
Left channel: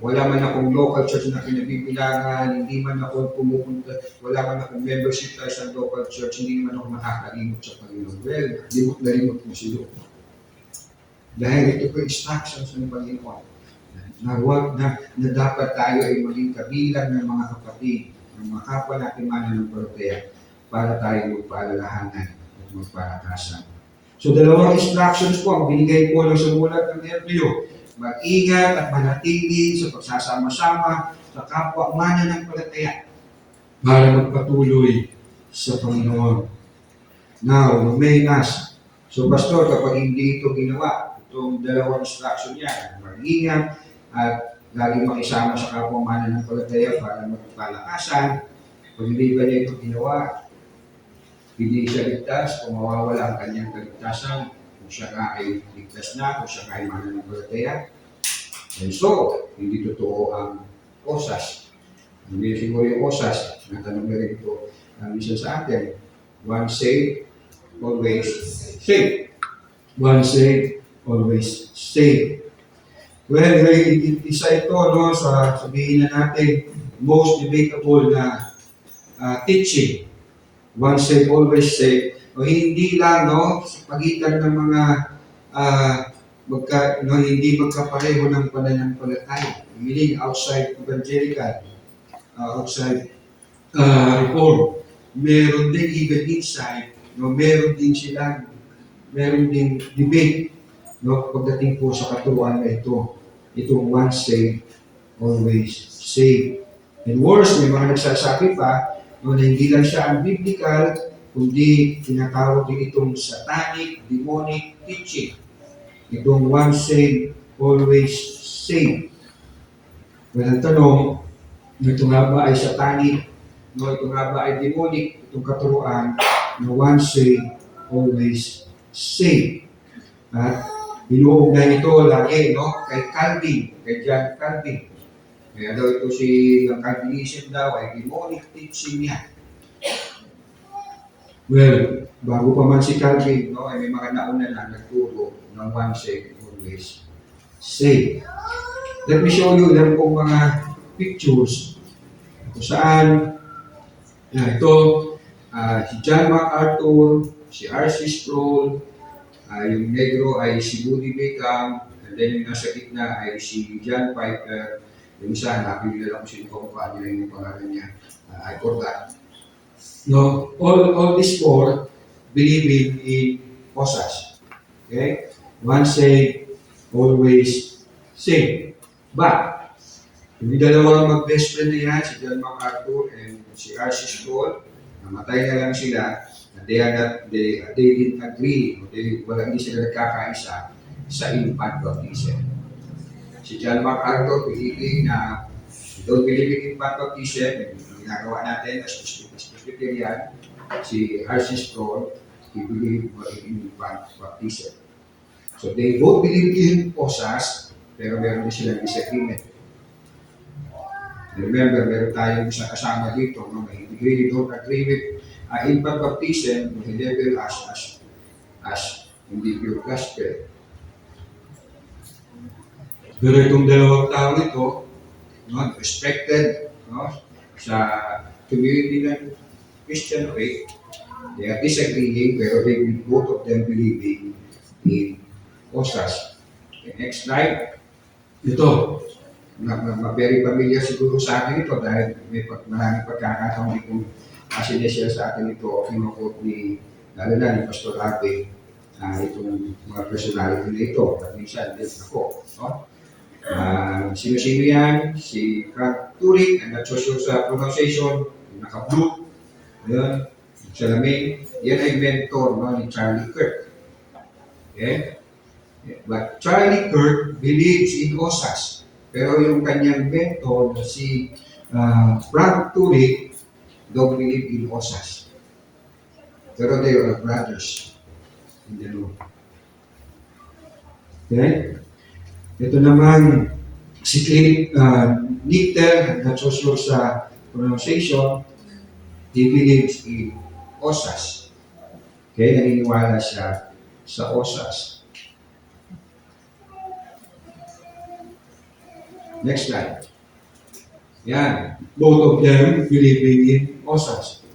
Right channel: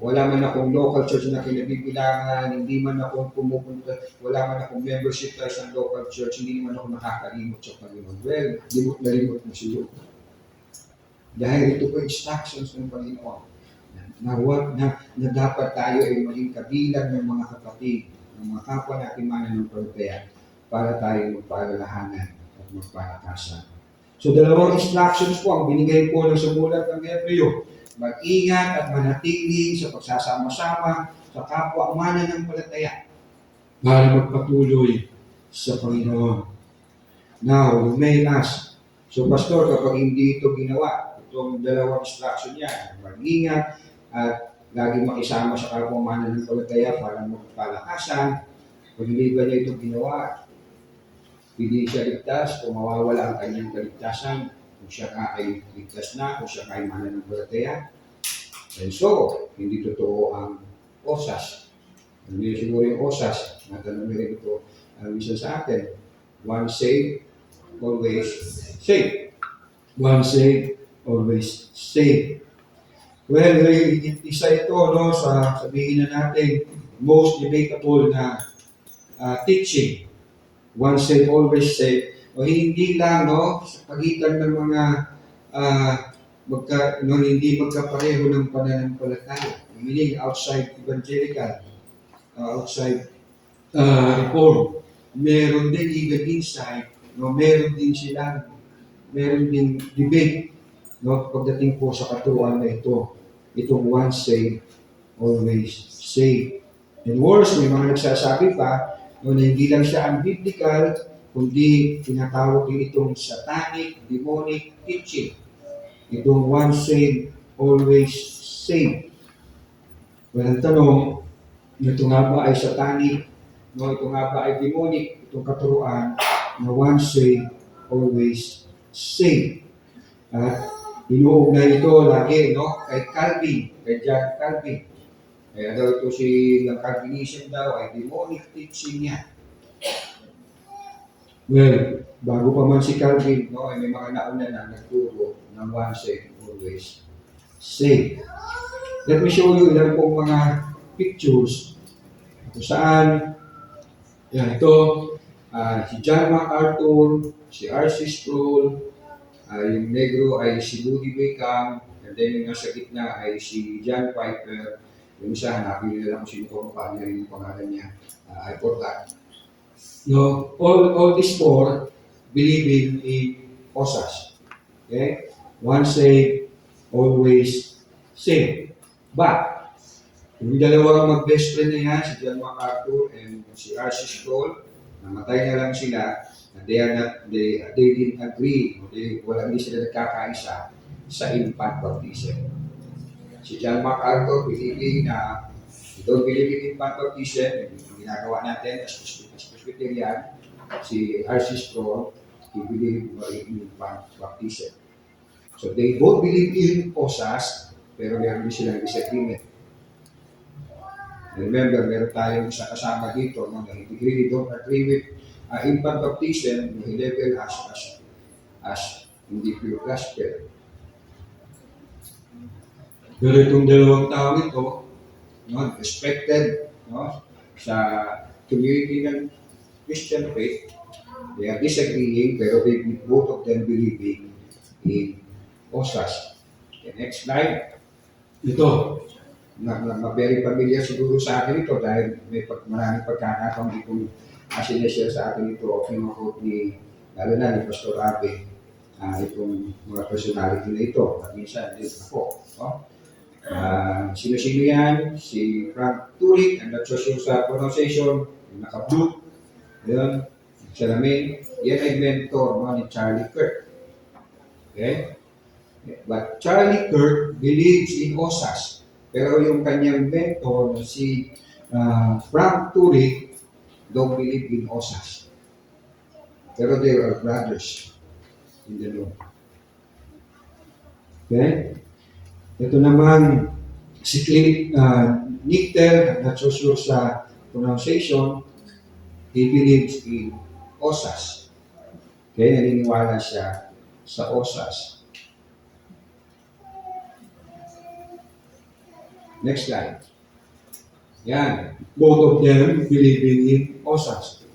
Wala man akong local church na kinabibilangan, hindi man ako pumupunta, wala man akong membership sa isang local church, hindi man ako makakalimot sa Panginoon. Well, limot na limot mo siya. Dahil ito po instructions ng Panginoon na dapat tayo ay maging kabilang ng mga kapatid, ng mga kapwa natin mananampalataya para tayo magpaalalahanan at magpalakasan. So dalawang instructions po ang binigay po ng sumulat ng Hebreo. Mag-ingat at manatili sa pagsasama-sama sa kapwa mananampalataya para magpatuloy sa Panginoon. Now, lumenas. So, Pastor, kapag hindi ito ginawa, itong dalawang instruction niya, mag-ingat at laging makisama sa kapwa mananampalataya para magpalakasan, pag hindi ba niya ito ginawa, hindi siya ligtas o mawawala ang kanyang kaligtasan. Kung siya ka ay ligtas na, kung siya ka ay mananampalataya. And so, hindi totoo ang osas. Hindi siguro yung osas, natanong na rin ito minsan sa atin. Once saved, always saved. Once saved, always saved. Well, isa ito, no, sabihin na natin, most debatable na teaching. Once saved, always saved. O hindi lang, no, sa pagitan ng mga hindi magkapareho ng pananampalataya. Meaning outside evangelical, outside reform. Meron din even inside, no, meron din debate, no, pagdating po sa katuruan na ito. Itong once saved, always saved. And worse, may mga nagsasabi pa, no, na hindi lang siya unbiblical, kundi tinatawag din itong satanic, demonic teaching. Itong once saved, always saved. Well, ang tanong, ito nga ba ay satanic, no, ito nga ba ay demonic, itong katuruan na once saved, always saved. At inuugnay ito lagi, no, kay Calvin, kay John Calvin. Kaya daw ito ang Calvinism daw ay demonic teaching niya. Well, bago pa man si Calvin, no, ay may mga nauna na nagturo ng once saved, always saved. Let me show you lang pong mga pictures kung saan ito, si John MacArthur, si R.C. Sproul, yung negro ay si Moody Beckham, and then yung nasa gitna ay si John Piper. Yung isa, napili lang kung sino kumukha niya, yung pangalan niya. I forgot. No, all these four believing in OSAS. Okay? Once saved, always saved. But, yung dalawang mag-best friend na yan, si John MacArthur and si R.C. Sproul, namatay na lang sila, and they didn't agree, hindi sila nagkakaisa sa infant baptism. Si John MacArthur, believing na don't believe in infant baptism, yung ginagawa natin as Presbyterian, si R.C. Sproul, he believed in infant baptism. So they both believe in OSAS, pero meron din silang disagreement. And remember, meron tayong isa kasama dito, no, na hindi really don't agree with infant baptism, may level as hindi pure gospel. Pero itong dalawang tao nito, no, respected, no, sa community ng Christian faith, they are disagreeing, pero both of them believing in OSAS. Okay, next slide. Ito, very familiar siguro sa atin ito dahil may maraming pagkakataon itong sinishare sa atin ito o kinukot ni Pastor Abe, itong mga personality na ito. At minsan din ako. No? Sino-sino yan? Si Frank Turek, I'm not so sure sa pronunciation, naka-blue. Yan, salamin. Yan ay mentor, no, ni Charlie Kirk. Okay? But Charlie Kirk believes in OSAS. Pero yung kanyang mentor, si Frank Turek, don't believe in OSAS. Pero they are brothers in the Lord. Okay? Ito naman, si Nichter, not so sure sa pronunciation, he believes in OSAS. Okay? Naniniwala siya sa OSAS. Next slide. Yan. Both of them believing in OSAS.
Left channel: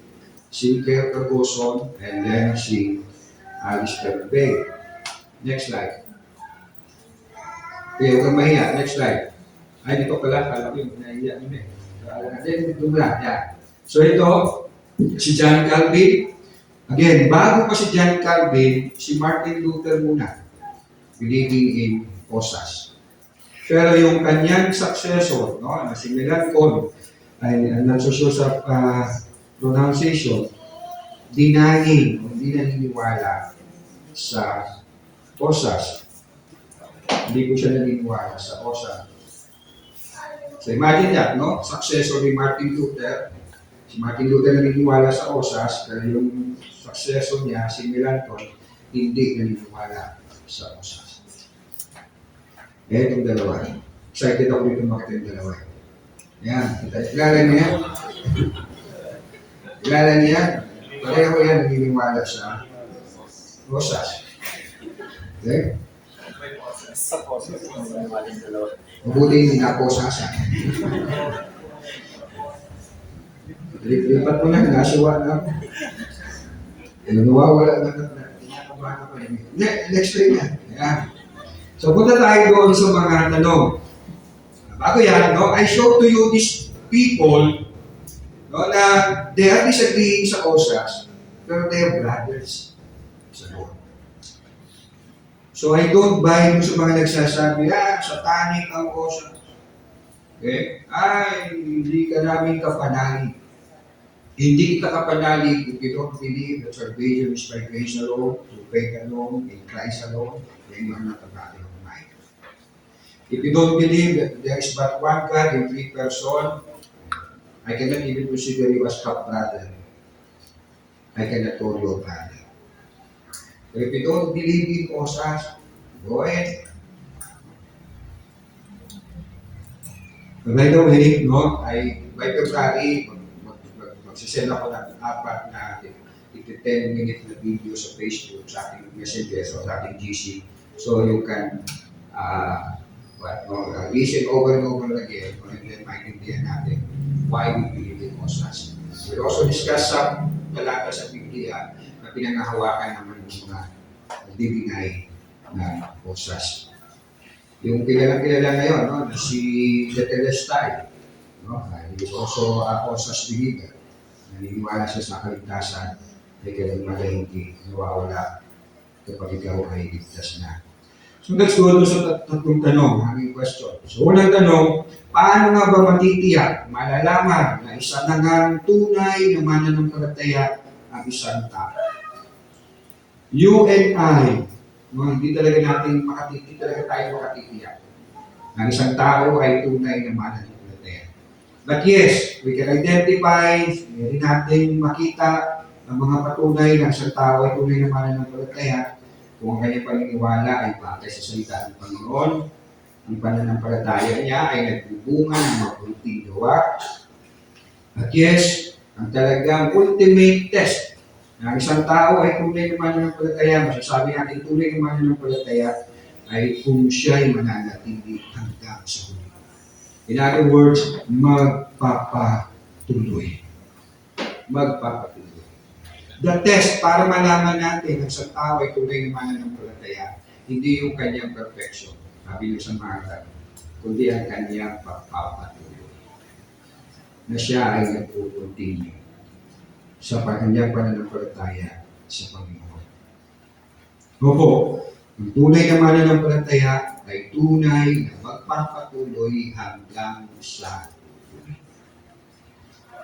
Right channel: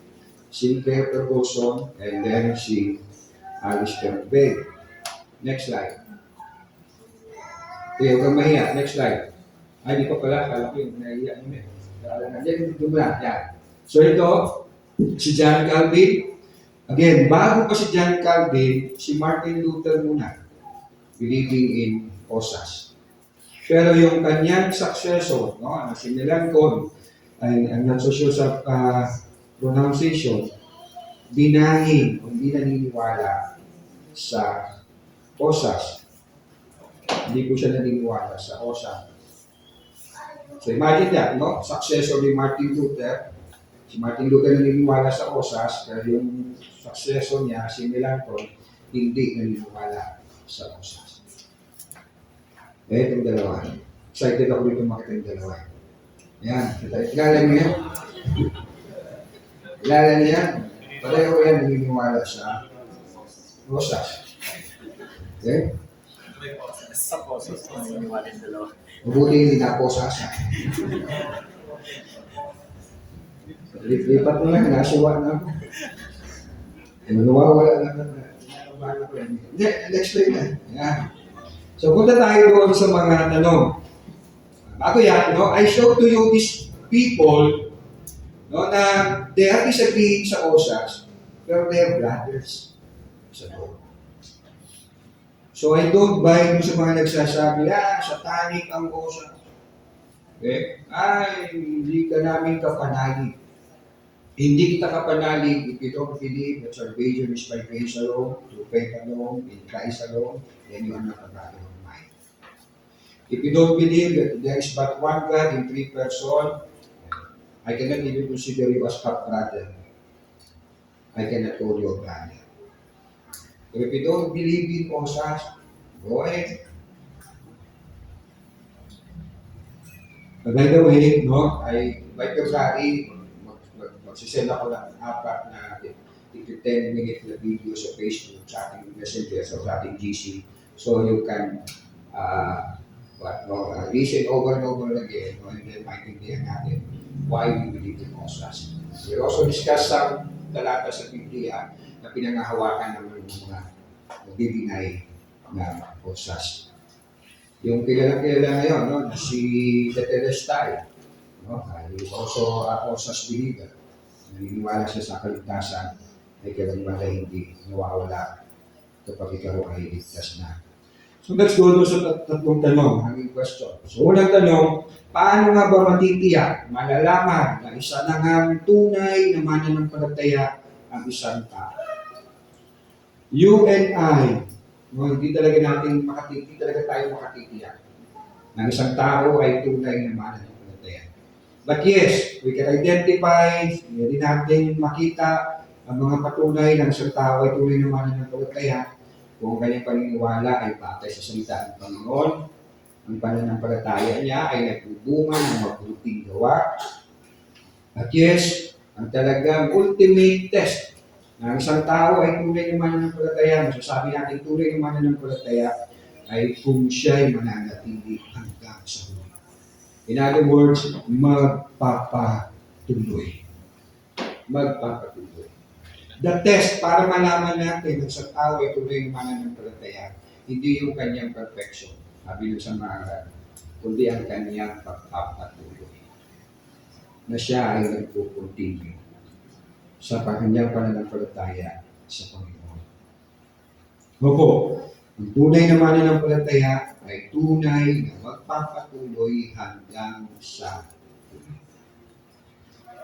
Si Claire Ferguson and then si Alistair Begg. Next slide. Okay, huwag kang mahiya. Next slide. Ay, di pa pala. Kala ko yung nahiya nyo eh. Then, dumula. Yan. So ito, si John Calvin. Again, bago pa si John Calvin, si Martin Luther muna. Believing in OSAS. Pero yung kanyang successor, no, na si Melanchthon, ay not so sure sa pronunciation, hindi naniniwala sa OSAS. Hindi ko siya naniniwala sa OSAS. So imagine that, no? Successor ni Martin Luther. Si Martin Luther naniniwala sa OSAS, pero yung successor niya, si Melanchthon, hindi naniniwala sa OSAS. Itong dalawa. Excited ako dito makita yung dalawa. Ayan. Kilala niya? Kilala niya? Pareho yan naniniwala sa rosas. Okay? Sa poso, maniwala sa dalawa. Mabuti hindi na ako sasa. Lipat mo na, nasiwa na ako. Nawawala na kinakabahan ako. Next day na. Ayan. So punta tayo doon sa mga tanong. Bago yan, no, I show to you these people no, na they are disagreeing sa OSAS, pero they are brothers sa Lord. So I don't buy mo sa mga nagsasabi, satanic ang OSAS. Okay? Ay, hindi ka namin kapanalig. Hindi kita kapanalig if you don't believe that salvation is by grace alone, through faith alone, in Christ alone, then you are not a brother of mine. If you don't believe that there is but one God in three persons, I cannot even consider you as half-brother. I cannot call you a brother. So if you don't believe in OSAS, go ahead. By the way, no, by February, magsisend ako ng 4 na 10-minute na video sa Facebook, sa ating Messenger, so sa ating GC. So you can listen over and over again, and then maintindihan natin why we believe in OSAS. We also discuss some talata sa Biblia na pinangahawakan naman ng mga nagdi-deny na OSAS. Yung kilala ngayon, no, na si Tetelestai, no, is also a OSAS believer. Naniniwala siya sa kaligtasan ay kailanman na hindi nawawala kapag ikaw ay ligtas na. So let's go sa tatlong tanong, hanging question. So unang tanong, paano nga ba matitiyak, malalaman na isa na nga tunay na mananampalataya ang isang tao? You and I, no, hindi talaga tayo makatitiyak na isang tao ay tunay na mananampalataya. But yes, we can identify, hindi natin makita ang mga patunay ng isang tao ay tunay na mananampalataya kung ang kanyang paniniwala ay patay sa salita ng Panginoon, ang pananampalataya niya ay nagbubunga ng mabuting gawa. At yes, ang talagang ultimate test na ang isang tao ay tunay na mananampalataya, masasabi natin tunay na mananampalataya ay kung siya ay mananatili hanggang sa huli. In other words, magpapatuloy. Magpapatuloy. The test para malaman natin na sa tao ay tunay na mananampalataya, hindi yung kanyang perfection, sabi sa mga kundi ang kanyang pagpapatuloy. Na siya ay nagpo-continue sa kanyang pananampalataya sa Panginoon. Opo, ang tunay na mananampalataya ay tunay na magpapatuloy hanggang sa huli.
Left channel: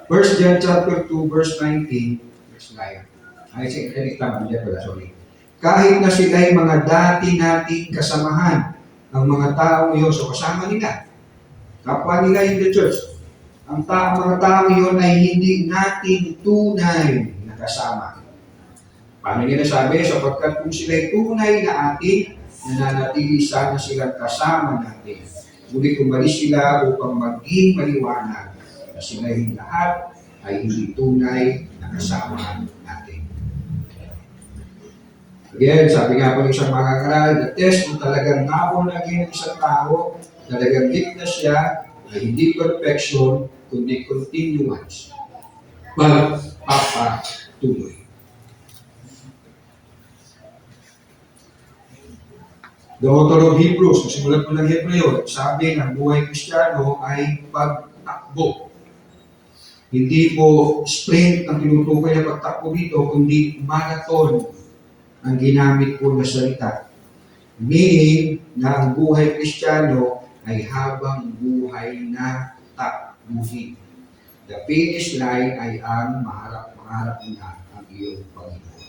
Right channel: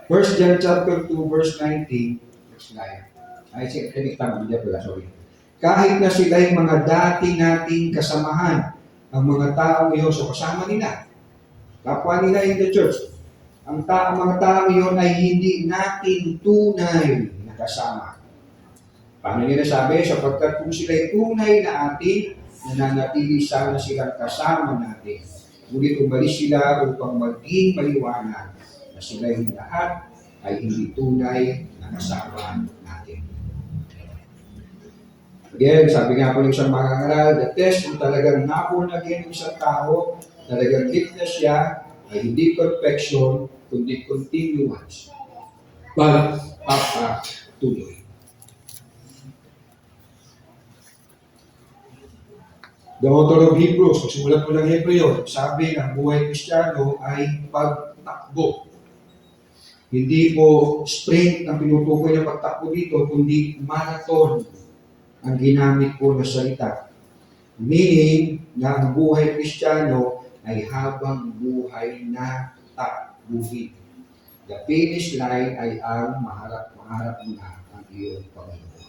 1 John chapter 2 verse 19. Kahit na sila'y mga dati nating kasamahan, ang mga taong iyon, so kasama nila, kapwa nila in the church, mga taong iyon ay hindi natin tunay na kasama. Paano nila sabi? Sapagkat kung sila'y tunay na atin, nananatili sana silang kasama natin. Ngunit umalis sila upang maging maliwanag na sila'y lahat ay hindi tunay na kasama natin. Again, sabi nga po ng isang mangangaral, the test kung talagang na-born again ng isang tao, talagang ligtas siya, ay hindi perfection, kundi continuance. Pagpapatuloy. The author of Hebrews, simulan po ng Hebreo, sabi ng buhay Kristiyano ay pagtakbo. Hindi po sprint ang tinutukoy na pagtakbo dito, kundi marathon ang ginamit ko na salita. Meaning na ang buhay Kristiyano ay habang buhay na takbuhin. The finish line ay ang maharap mo na ang iyong Panginoon.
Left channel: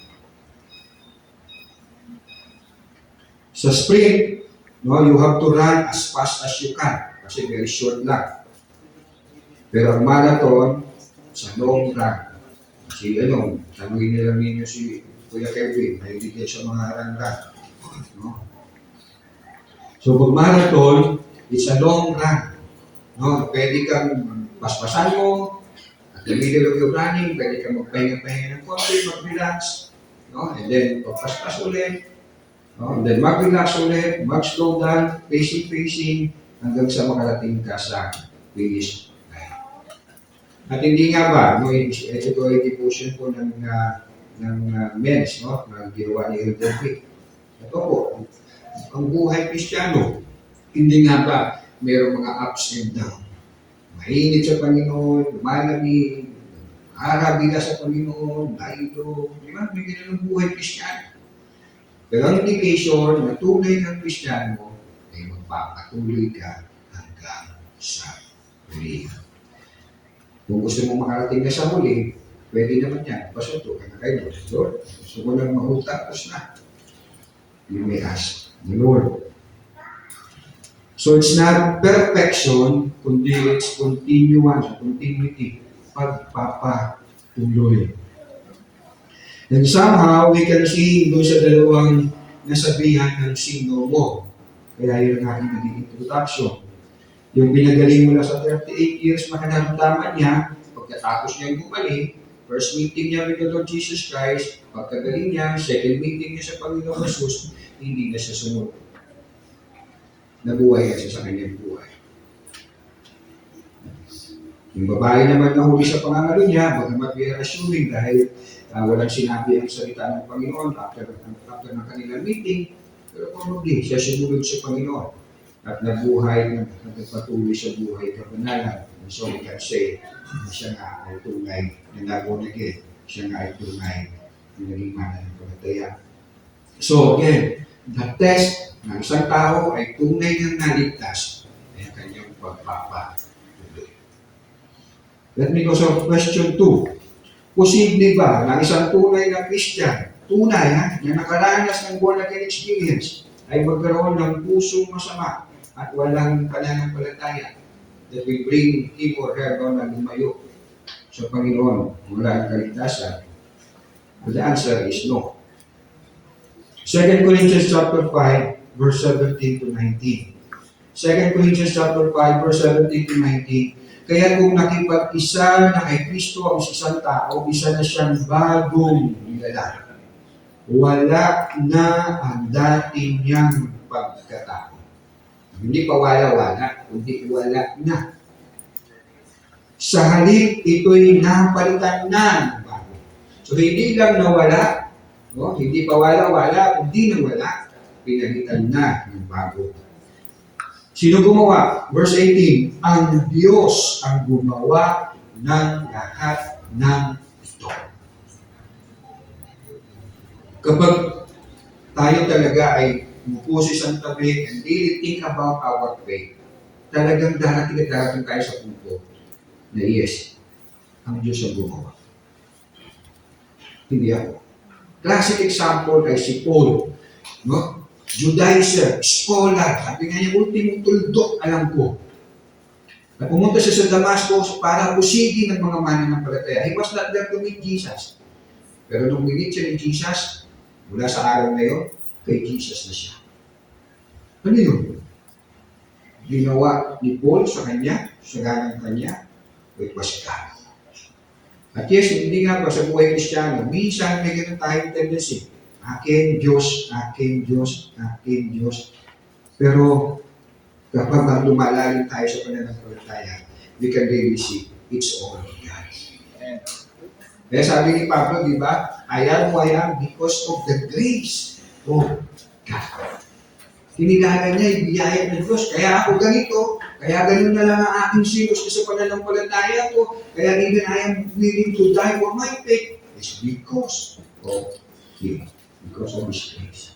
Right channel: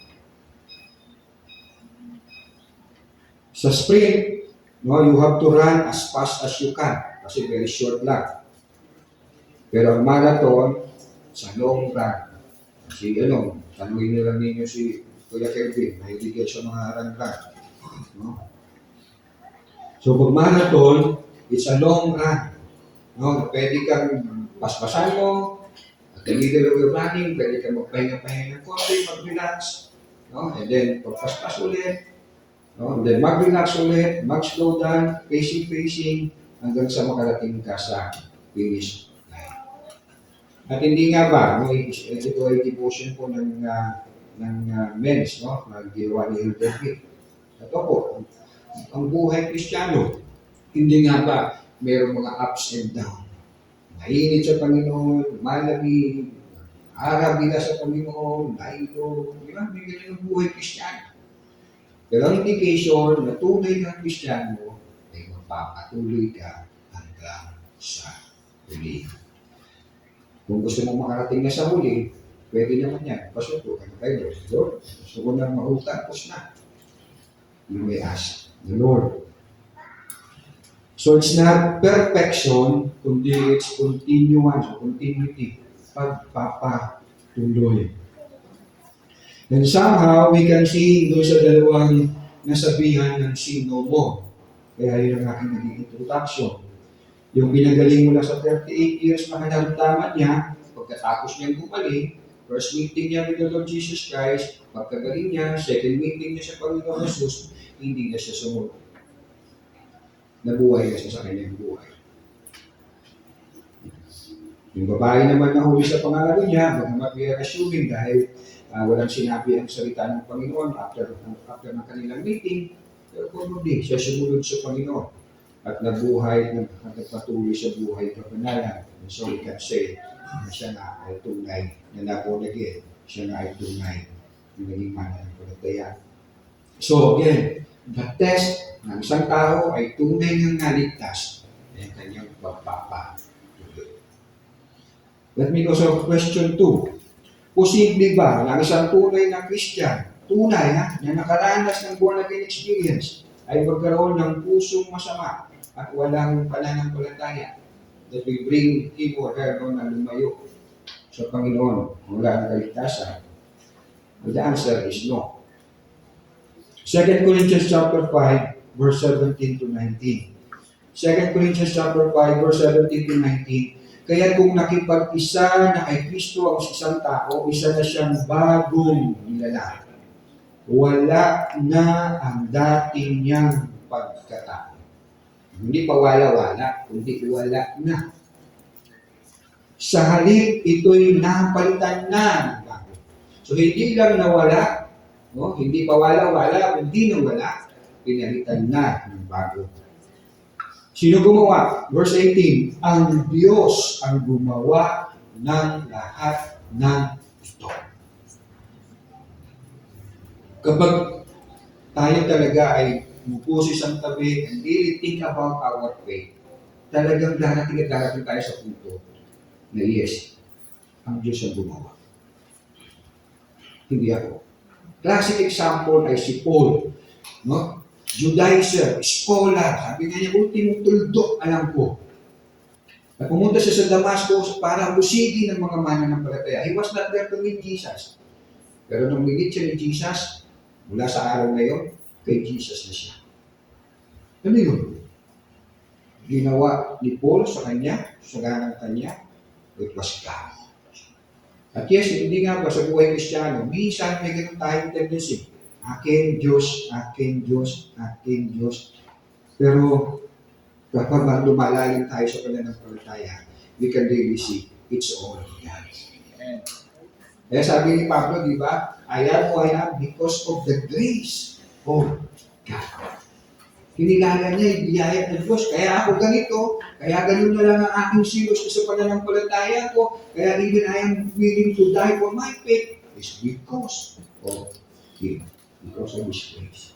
Sa sprint, no, you have to run as fast as you can kasi very short lang. Pero ang marathon, sa long run, tanungin nila ninyo si Kuya Kevin, nahiligyan sa mga run-run. No? So pag marathon, it's a long run. No? Pwede kang paspasan mo, at the middle of your running, pwede ka magpahinga-pahinga ng konti, mag-relax. No? And then, pagpaspas ulit. No? And then, mag-relax ulit, mag-slow down, pacing, hanggang sa makarating ka sa finish line. At hindi nga ba, no, ito ay devotion po ng men's, no? Nag-ginawa ni Elder Vic. At po, ang buhay Kristiyano, hindi nga ba, mayroong mga ups and down. Mainit sa Panginoon, malamig, arabila sa Panginoon, dailo, di ba? May ganyan ang buhay Kristiyano. Pero ang indication na tunay ng Kristiyano ay magpapatuloy ka hanggang sa huli. Kung gusto mong makarating na sa huli, pwede naman yan. Pasunto ka na kay Lord. Lord, gusto ko lang mahutapos na. You may ask the Lord. So it's not perfection, kundi it's continuance or continuity. Pagpapatuloy. And somehow, we can see doon sa dalawang nasabihan ng sino mo. Kaya yun ang aking naging introduction. Yung pinagaling mo na sa 38 years, makaramdaman niya, pagkatapos niyang bumalik, first meeting niya with the Lord Jesus Christ, pagkagaling niya, second meeting niya sa Panginoon Jesus, hindi na siya sumunod. Nabuhay siya sa kanyang buhay. Yung babae naman na huli sa pangangalo niya, bagamat we are assuming dahil walang sinabi ang salita ng Panginoon after ng kanilang meeting, pero probably siya sumunod sa Panginoon at nabuhay, nagpatuloy sa buhay kabanalan. So we can say, siya nga ay tunay na nabon again. Siya nga ay tunay na naging mananampalataya. So again, the test ng isang tao ay tunay ng naligtas ay ang kanyang pagpapatuloy. Let me go sa question 2. Posible ba na isang tunay na Christian, tunay na nakaranas ng born again experience, ay magkaroon ng pusong masama at walang pananampalataya that will bring him or her doon na lumayo sa Panginoon mula ang kaligtasan? The answer is no. 2 Corinthians chapter 5, verse 17 to 19. 2 Corinthians chapter 5, verse 17 to 19. Kaya kung nakipag-isa na kay Kristo ang isang tao, isa na siyang bagong nilalang. Wala na ang dati niyang pagkatao. Hindi pa wala-wala, kundi wala na. Sa halip, ito'y napalitan na ng bago. So hindi lang nawala, no? Hindi pa wala-wala, hindi nawala, pinalitan na ng bago. Sino gumawa? Verse 18, ang Diyos ang gumawa ng lahat ng ito. Kapag tayo talaga ay umupo sa isang tabi and really think about our faith, talagang darating tayo sa punto na yes, ang Diyos ang gumawa. Hindi ako. Classic example ay si Paul. No? Judaizer, scholar, sabi nga niya, ultimong tuldok, alam ko. At pumunta siya sa Damascus para usigin ng mga mananampalataya. He was not there to meet Jesus. Pero nung minit siya ni Jesus, mula sa araw na yun, kay Jesus na siya. Ano yun? Ginawa ni Paul sa kanya, sa ganang kanya, it was God. At yes, hindi nga ba sa buhay Kristiyano, minsan may ganun tayong tendency. Aking Diyos, aking Diyos, aking Diyos. Pero kapag lumalalim tayo sa pananampalataya, we can really see it's all God. Kaya sabi ni Pablo, di ba? I am who I am because of the grace of God. Kinilala niya, ibiyaya ng Diyos. Kaya ako ganito, kaya ganun na lang ang aking silos sa pananampalataya ko. Kaya even I am willing to die for my faith is because of Him. Because of His grace.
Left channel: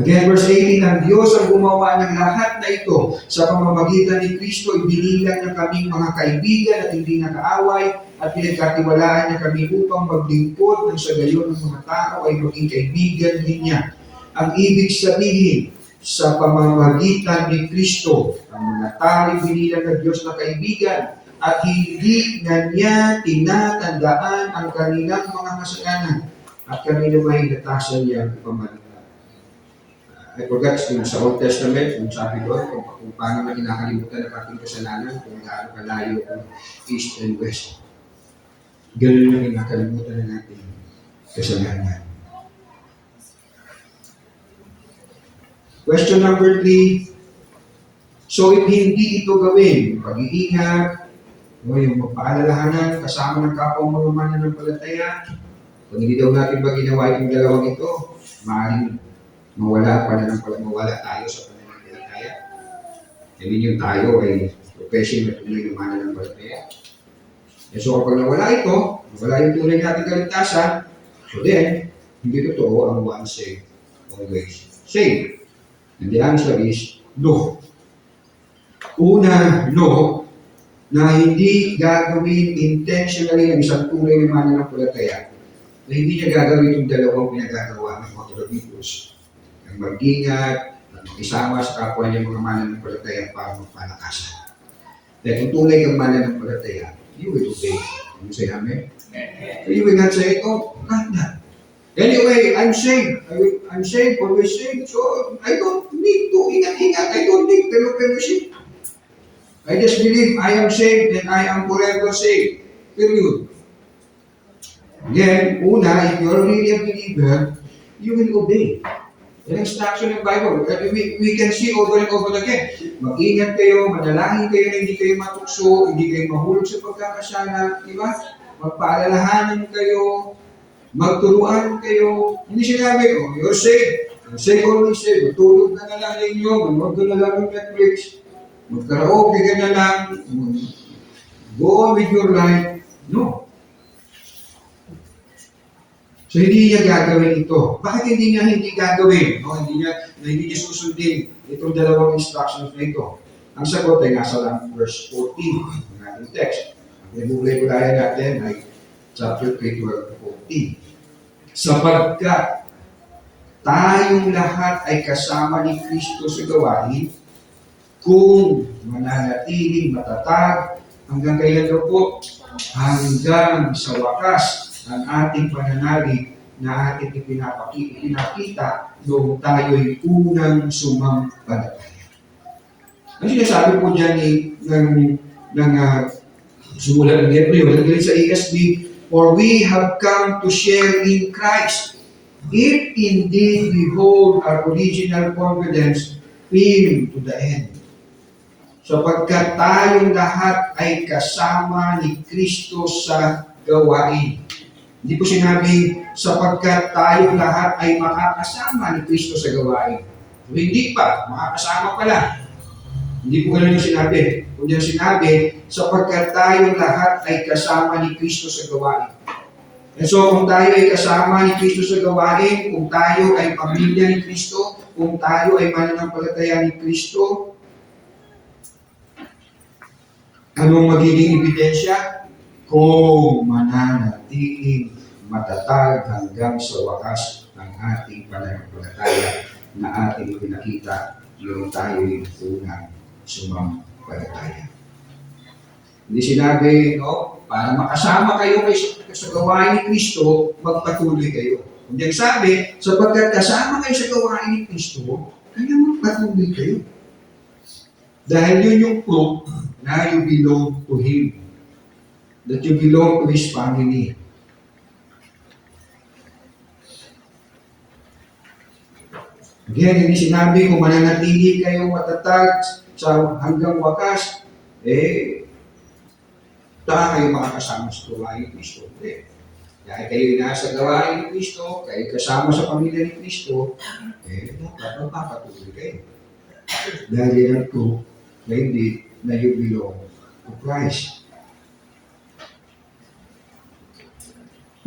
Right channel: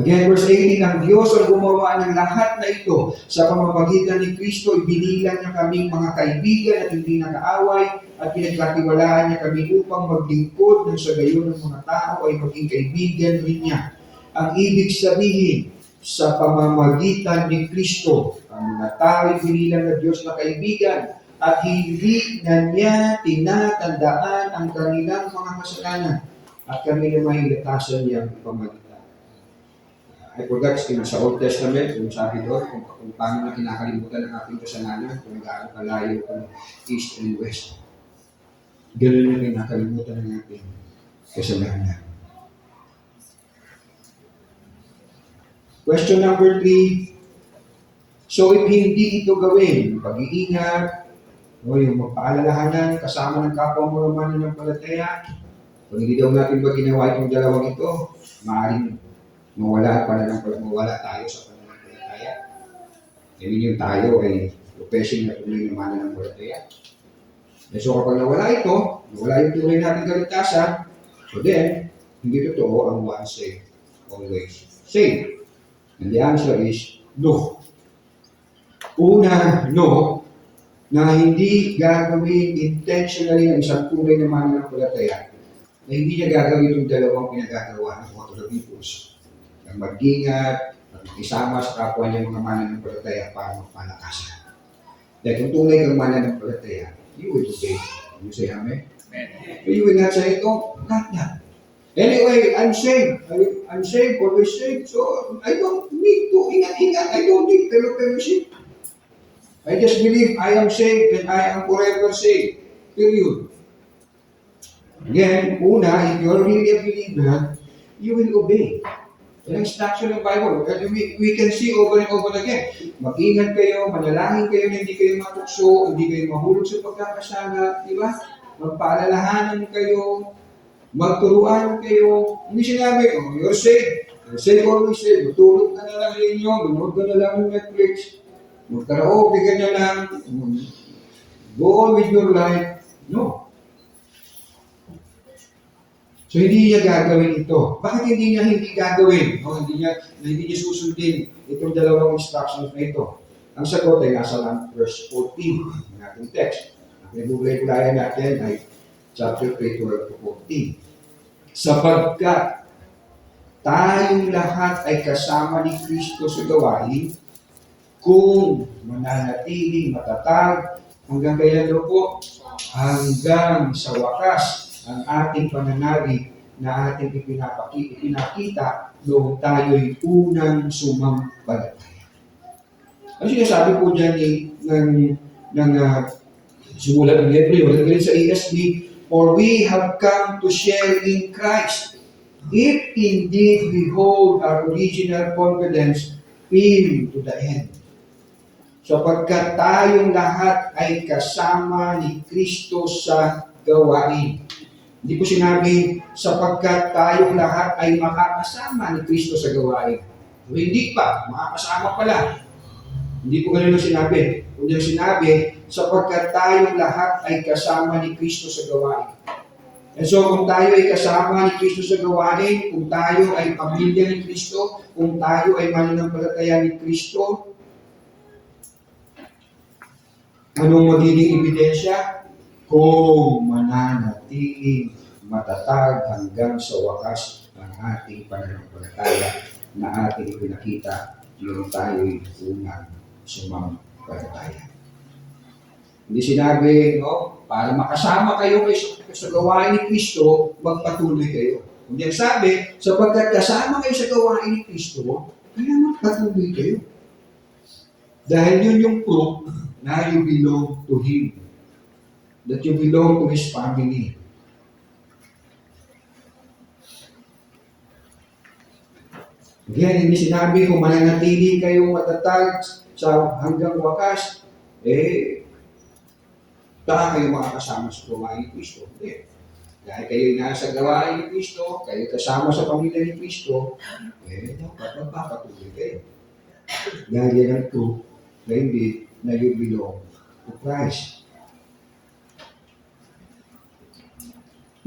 Again, verse 18, ang Diyos ang gumawa ng lahat na ito. Sa pamamagitan ni Kristo, ibinilang niya kaming mga kaibigan at hindi nakaaway at pinagkatiwalaan niya kami upang maglingkod ng sa gayon ng mga tao ay maging kaibigan din niya. Ang ibig sabihin, sa pamamagitan ni Kristo, ang mga tao ay binilang ng Diyos na kaibigan at hindi na niya tinatandaan ang kanilang mga kasalanan at kami naman natasan niyang ipamaligay. I forgot yung sa Old Testament, kung sabi doon, kung paano na kinakalimutan ng ating kasalanan, kung gaano kalayo kung east and west. Ganun yung kinakalimutan ng ating kasalanan. Question number 3. So if hindi ito gawin, yung pag-iingat, o yung magpaalalahanan kasama ng kapwa mga mananampalataya, kung hindi daw natin ba ginawa itong dalawang ito, maaaring mawala tayo sa pananampalataya. Hindi yung tayo ay profession na tuloy ng mananampalataya. So kapag nawala ito, nawala yung tunay natin kaligtasan, so then, hindi totoo ang once saved, always saved. And the answer is no. Una, no, na hindi gagawin intentionally ang isang tunay na mananampalataya, na hindi niya gagawin yung dalawang pinagagawa ng mga tulad-ipos, ang mag-ingat, at makisama sa kapwa niya mga mananampalataya para magpalakasan. Dahil kung tunay kang mananampalataya, you will obey. You say amen? So you will not say, oh, not that. Anyway, I'm saved. I'm saved, always saved. So I don't need to ingat-ingat. I don't need fellowship. I just believe I am saved and I am forever saved. Period. Again, una, if you're really a believer, you will obey. The instruction ng Bible, we can see over and over again. Mag-ingat kayo, manalangin kayo na hindi kayo matukso, hindi kayo mahulog sa pagkakasala, di ba? Magpaalalahanan kayo, magturuan kayo. Hindi sinabi, oh, you're saved. You're saved, always saved. Matulog ka na lang ninyo, manood ka na lang ng Netflix, magkaraoke ka na lang, go on with your life. No. So hindi niya gagawin ito. Bakit hindi niya gagawin? No, hindi niya susundin itong dalawang instructions na ito. Ang sagot ay nasa lang verse 14 ng ating text. Ang nabubulay-bulayan natin ay chapter 3, 12 to 14. Sapagkat tayong lahat ay kasama ni Kristo sa gawain, kung mananatiling matatag hanggang kailan po? Hanggang sa wakas ang ating pananalig na ating ipinakita noong tayo'y unang sumampalataya. Ang sinasabi po dyan ng sumulat ng Hebreo, nagagalit sa ESV, for we have come to share in Christ, if indeed we hold our original confidence firm to the end. Sapagkat tayong lahat ay kasama ni Kristo sa gawain. Hindi po sinabing sapagkat tayong lahat ay makakasama ni Kristo sa gawain. O hindi pa, makakasama pala. Hindi po ganun yung sinabi. Kung yung sinabi, sapagkat tayong lahat ay kasama ni Kristo sa gawain. And so kung tayo ay kasama ni Kristo sa gawain, kung tayo ay pamilya ni Kristo, kung tayo ay mananampalataya ni Kristo, anong magiging ebidensya? Kung mananatiling matatag hanggang sa wakas ang ating pananampalataya na ating pinakita yung tayo'y unang sumampalataya. Hindi sinabi, no, para makasama kayo sa gawain ni Kristo, magpatuloy kayo. Hindi ang sabi, sapagkat kasama kayo sa gawain ni Kristo, kaya magpatuloy kayo. Dahil yun yung proof na you belong to Him. That you belong to His family. Again, hindi sinabi kung mananatili kayong matatag sa hanggang wakas, kayo makakasama sa gawain ni Kristo. Hindi. Dahil kayo nasa gawain ni Kristo, kayo kasama sa pamilya ni Kristo, dapat magpapatuloy kayo. Dahil yan ang proof na hindi na you belong to Christ.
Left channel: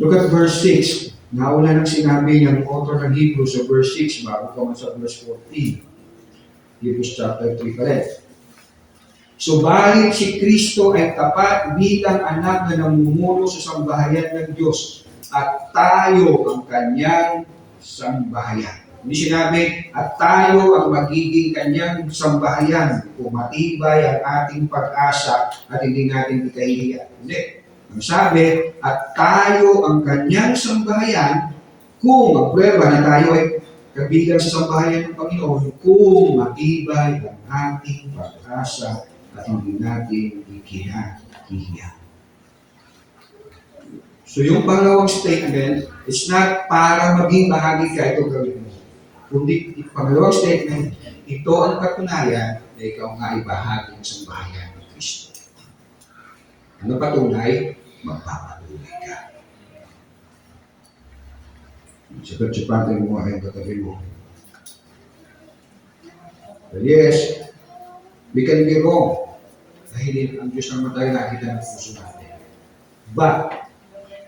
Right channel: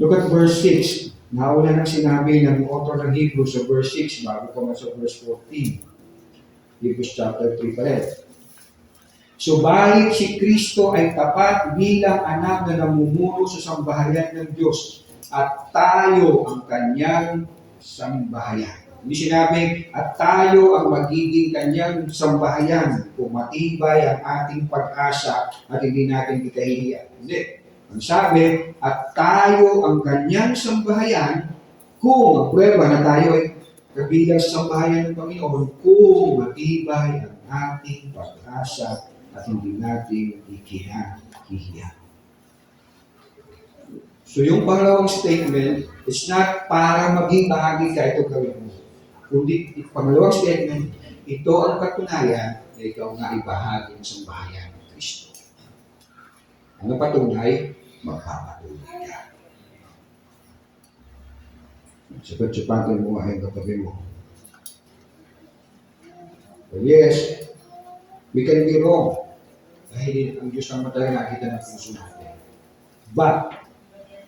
Look at verse 6. Nauna nang sinabi ng author ng Hebrews sa verse 6 bago pa man sa verse 14. Hebrews chapter 3 pa rin. Subalit si Kristo ay tapat bilang anak na namumuno sa sambahayan ng Diyos at tayo ang kanyang sambahayan. Hindi sinabi, at tayo ang magiging kanyang sambahayan kung matibay ang ating pag-asa at hindi natin ikahihiya. Hindi. Ang sabi, at tayo ang kanyang sambahayan kung ang prueba na tayo ay kabilang sa sambahayan ng Panginoon kung matibay ang ating pag-asa at hindi natin ikinahihiya. So yung pangalawang statement, it's not para maging bahagi ka, ito gawin mo. Kundi yung pangalawang statement, ito ang katunayan na ikaw nga ay bahagi ng sambahayan ng Kristo. Ano patunay? Magpapatuloy ka. Sapat-sapatin mo ay katabi mo. Yes, we can be wrong. Dahil ang Diyos ang matagal nakita ng puso natin. But,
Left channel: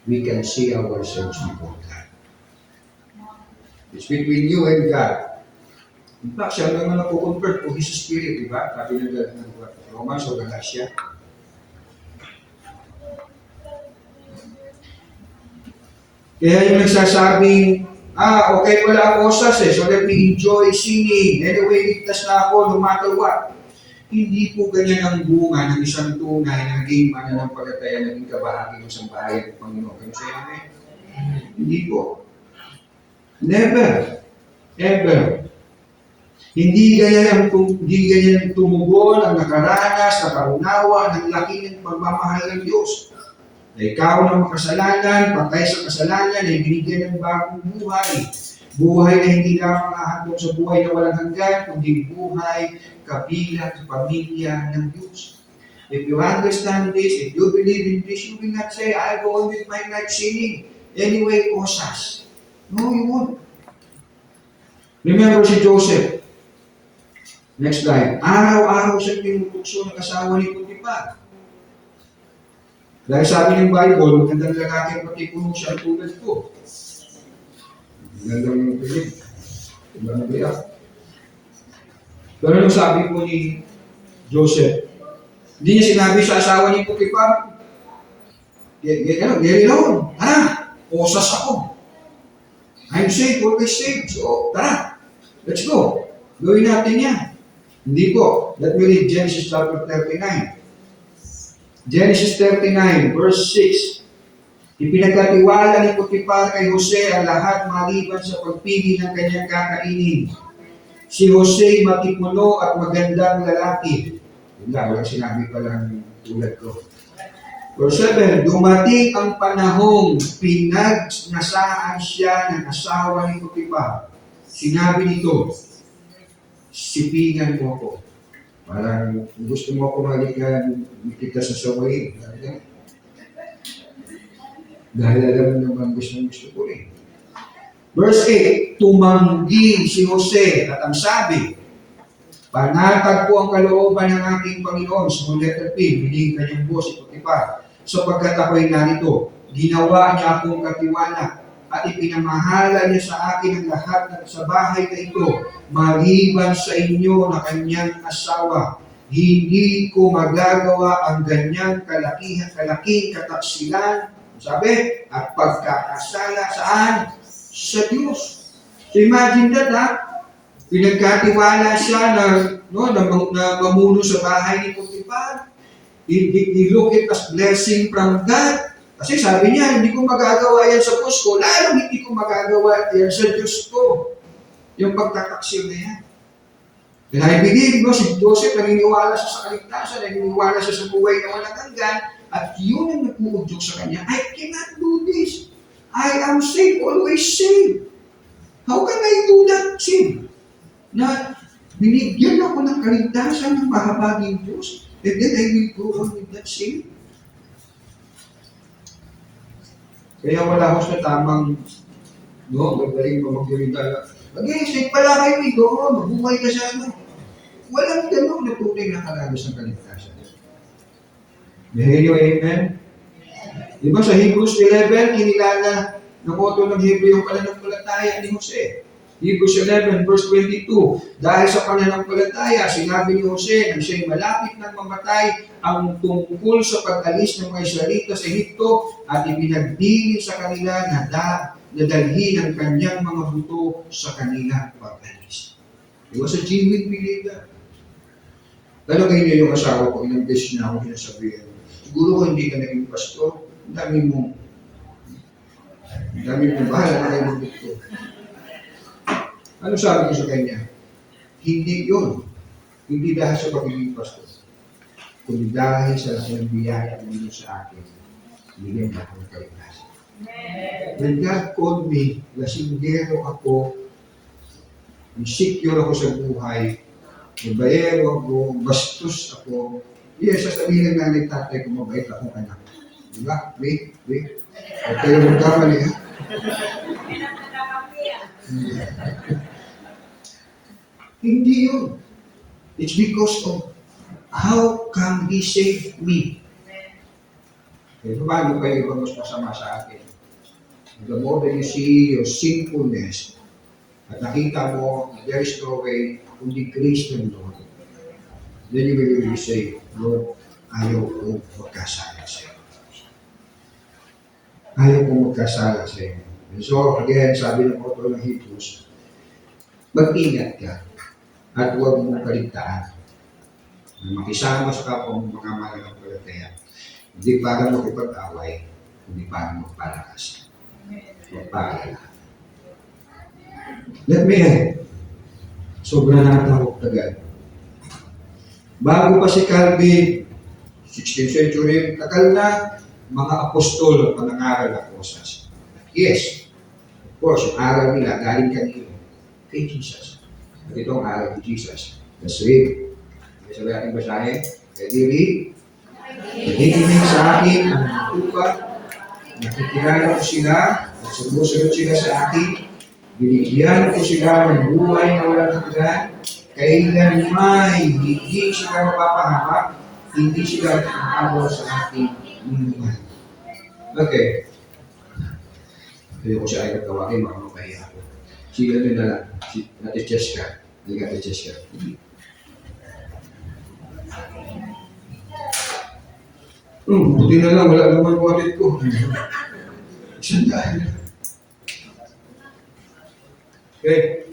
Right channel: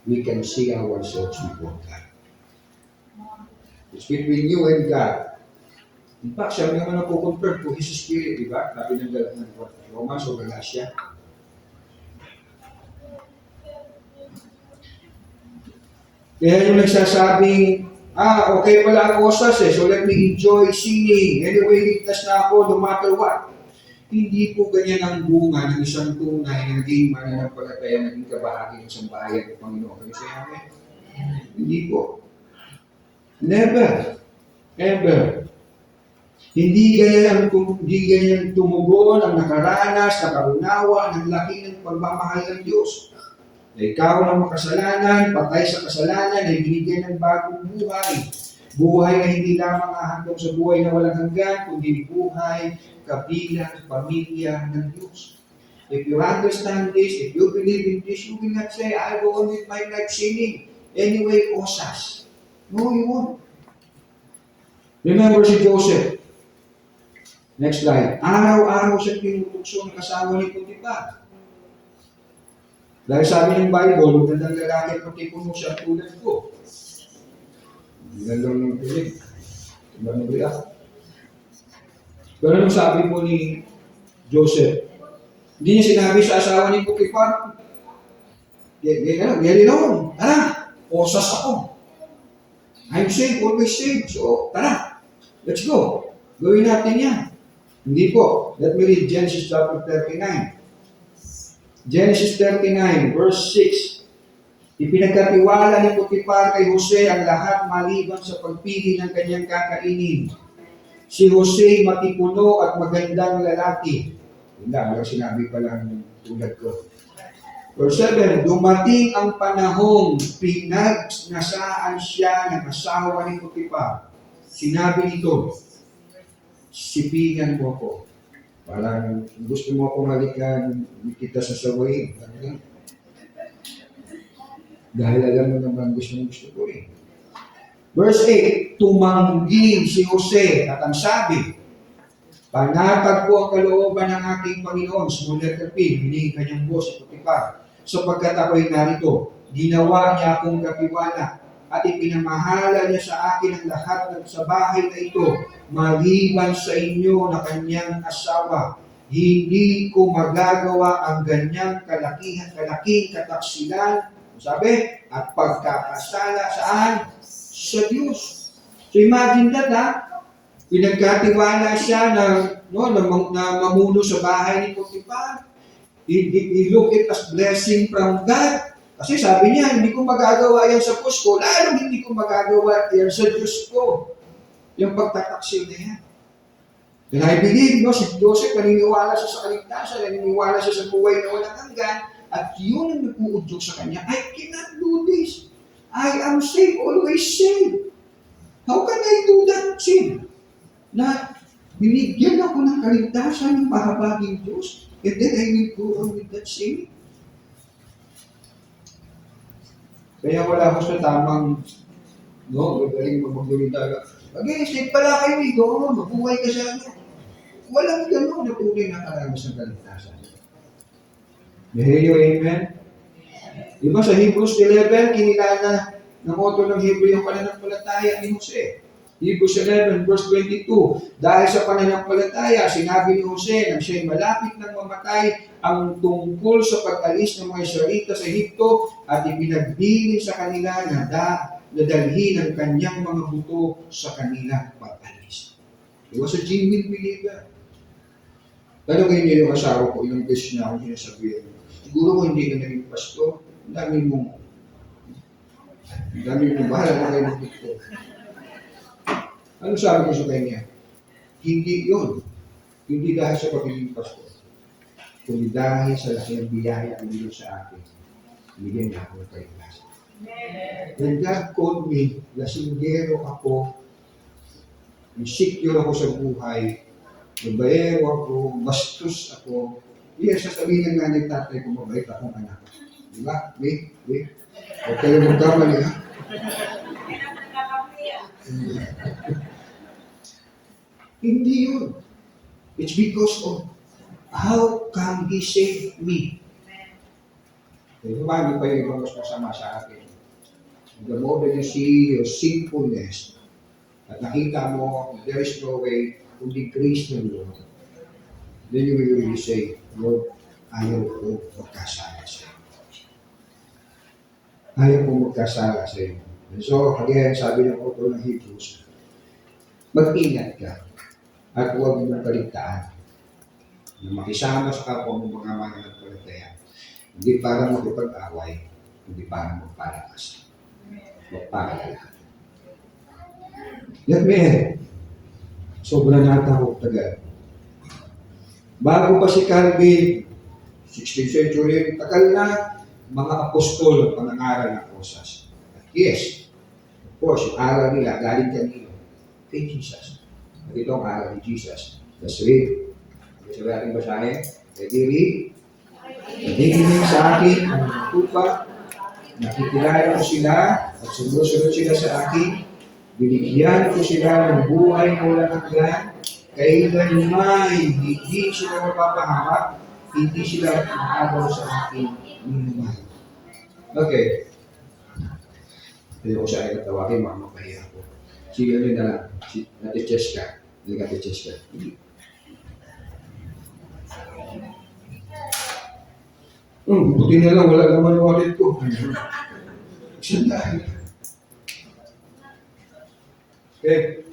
we can see ourselves before God. It's between you and God. In fact, siya naman nakukonvert to His Spirit, di ba? Sabi ng Romans o Galatia. Kaya yung nagsasabing, okay pala ang osas so let me enjoy singing. Anyway, ligtas na ako no matter what. Hindi po ganyan ang bunga ng isang tunay na naging mananampalataya, naging kabahagi ng sambahayan ng Panginoon. Kaya siya amen? Hindi po. Never. Ever. Hindi ganyan tumugon ang nakaranas, nakaunawa ng laki ng pagmamahal ng Diyos. Na ikaw ng makasalanan, patay sa kasalanan, ay binigyan ng bagong buhay. Buhay na hindi lamang hahandog sa buhay na walang hanggan, kundi buhay kabilang pamilya ng Diyos. If you understand this, if you believe in this, you will not say, I go on with my life sinning. Anyway, osas. No, you won't. Remember si Joseph. Next slide. Araw-araw siya tinutokso ng asawa ni Potiphar. Dahil sabi ng Bible, magandang lalaki pati puno siya tulad ko. Magandang ng piling. Diba na ba yan? Pero nung sabi po ni Joseph, hindi niya sinabi sa asawa ni Potiphar, get alone. Tara, osas ako. I'm safe, always safe. So, tara, let's go. Gawin natin yan. Hindi po. Let me read Genesis chapter 39. Genesis 39, verse 6. Ipinagkatiwala ni Potiphar kay Jose ang lahat maliban sa pagpili ng kanyang kakainin. Si Jose matipuno at magandang lalaki. Walang sinabi pa lang tulad ko. Verse 7, dumating ang panahong pinagnasaan siya ng asawa ni Potiphar. Sinabi nito, sipingan mo ko. Parang gusto mo akong halikan kita sa sawayin. Dahil alam naman gusto ko rin. Verse 8, tumanggi si Jose at ang sabi, panatag po ang kalooban ng aking Panginoon. Small letter P, binig kanyang boss si Potiphar. Sapagkat ako'y narito, ginawa niya akong katiwala at ipinamahala niya sa akin ang lahat sa bahay na ito, maliban sa inyo na kanyang asawa. Hindi ko magagawa ang ganyang kalaking kataksilan, sabi, at pagkakasala saan? Sa Diyos. So imagine that, pinagkatiwala siya na mamuno sa bahay ni Potiphar. He look it as blessing from God. Kasi sabi niya, hindi ko magagawa yan sa boss ko, lalo hindi ko magagawa yan sa Diyos ko. Yung pagtataksil na yan. And I believe, si Joseph, naniniwala siya sa kaligtasan, naniniwala siya sa buhay na walang hanggan, at yun ang nag-uudyok sa kanya, I cannot do this. I am safe, always safe. How can I do that, safe? Na binigyan ako ng kaligtasan ng pahabaging Diyos, and then I will go on with that safe. Kaya wala ko sa tamang, magaling mo mag-gawin tayo. Mag-i-safe pala kayo ito, mabuhay ka sa Walang gano'n na tunay na karagos ng kaligtasan. Dahil yung amen? Diba sa Hebrews 11, kinilala ng author ng Hebrew yung pananampalataya ni Jose. Hebrews 11 verse 22, dahil sa pananampalataya, sinabi ni Jose na siya'y malapit ng mamatay ang tungkol sa pag-alis ng mga Israelita sa Ehipto at ipinagdili sa kanila na dalhin ang kanyang mga buto sa kanila pag-alis. He was a genuine believer. Pero kayo yung asawa ko, ilang beses na ako sinasabihin, siguro kung hindi ka naging pastor, ang dami mong bahala na kayo ng dito. Ano sabi ko sa kanya? Hindi yun. Hindi dahil sa pagiging pastor. Kundi dahil sa laki ng biyaya ng Diyos sa akin. Bigyan niya ako ng kaligtasan. When God called me, lasinggero ako, insecure ako sa buhay, nabayero ako, bastos ako. Yes, sasabihin ng nanay tatay ko, mabait akong anak. Diba? Wait. Huwag kayo magkamali, ha? Hindi yun. It's because of how come He saved me. Eh, paano pa yung ibang mas masama sa akin? The more that you see your sinfulness, at nakita mo, there is no way, kundi grace ng Lord, then you will really say, Lord, ayaw ko magkasala sa iyo. Ayaw ko magkasala sa iyo. And so, again, sabi ng author ng Hebrews, mag-ingat ka at huwag mong kaligtaan na makisama sa kapwa mong mga mananampalataya. Hindi para makipag-away, hindi para magpalakas. Magpaalala. Let me add, sobrang natawag tagal. Bago pa si Calvin, 16th century, tagal na mga apostol ang nangaral ng kosas. Yes, of course, yung aral nila galing kanino? Kay Jesus. At ito ang aral ni Jesus. Let's read. Sabi natin basahin. Ready, read. Nakikinig sa akin ang tupa, nakikilala ko sila at sumusunod sila sa akin. Binigyan ko sila ng buhay na walang hanggan. Kailanmay hindi sila mapapahamak, hindi sila makagawa sa akin minuman. Okay. Hindi ko siya ay tawagin, makamapahiya ako. Sila nyo na lang. Ate Cheska. Hindi ka Ate Cheska. Buti na lang, wala naman wallet ko. Isang dahil. Okay.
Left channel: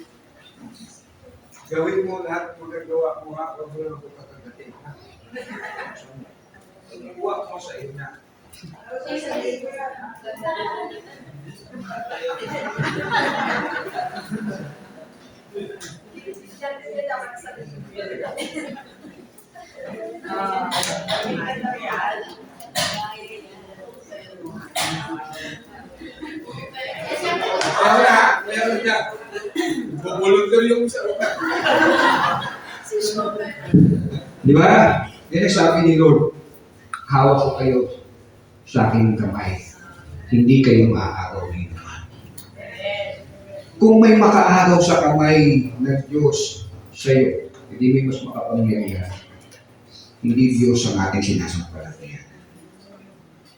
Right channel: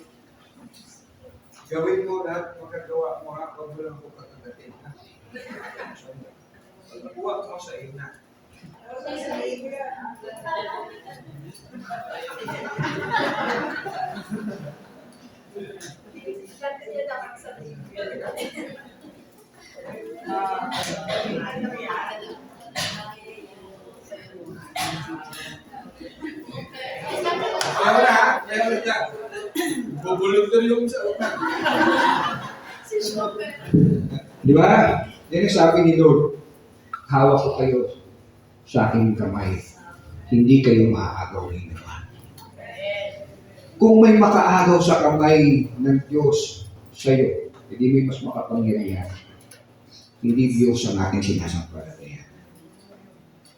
Gawin mo lahat magagawa mo ha, huwag mo lang ako kakagatin ha. Pagkuha mo sa ina. Meron niya. Bubulot ko yung sa utak. Di ba? Yan ang sabi ni Lord, hawak ko kayo sa aking kamay. Hindi kayo maaagaw ni naman. Kung may makaagaw sa kamay ng Diyos sa iyo, hindi may mas makapangyarihan. Hindi Diyos ang ating sinasampalataya.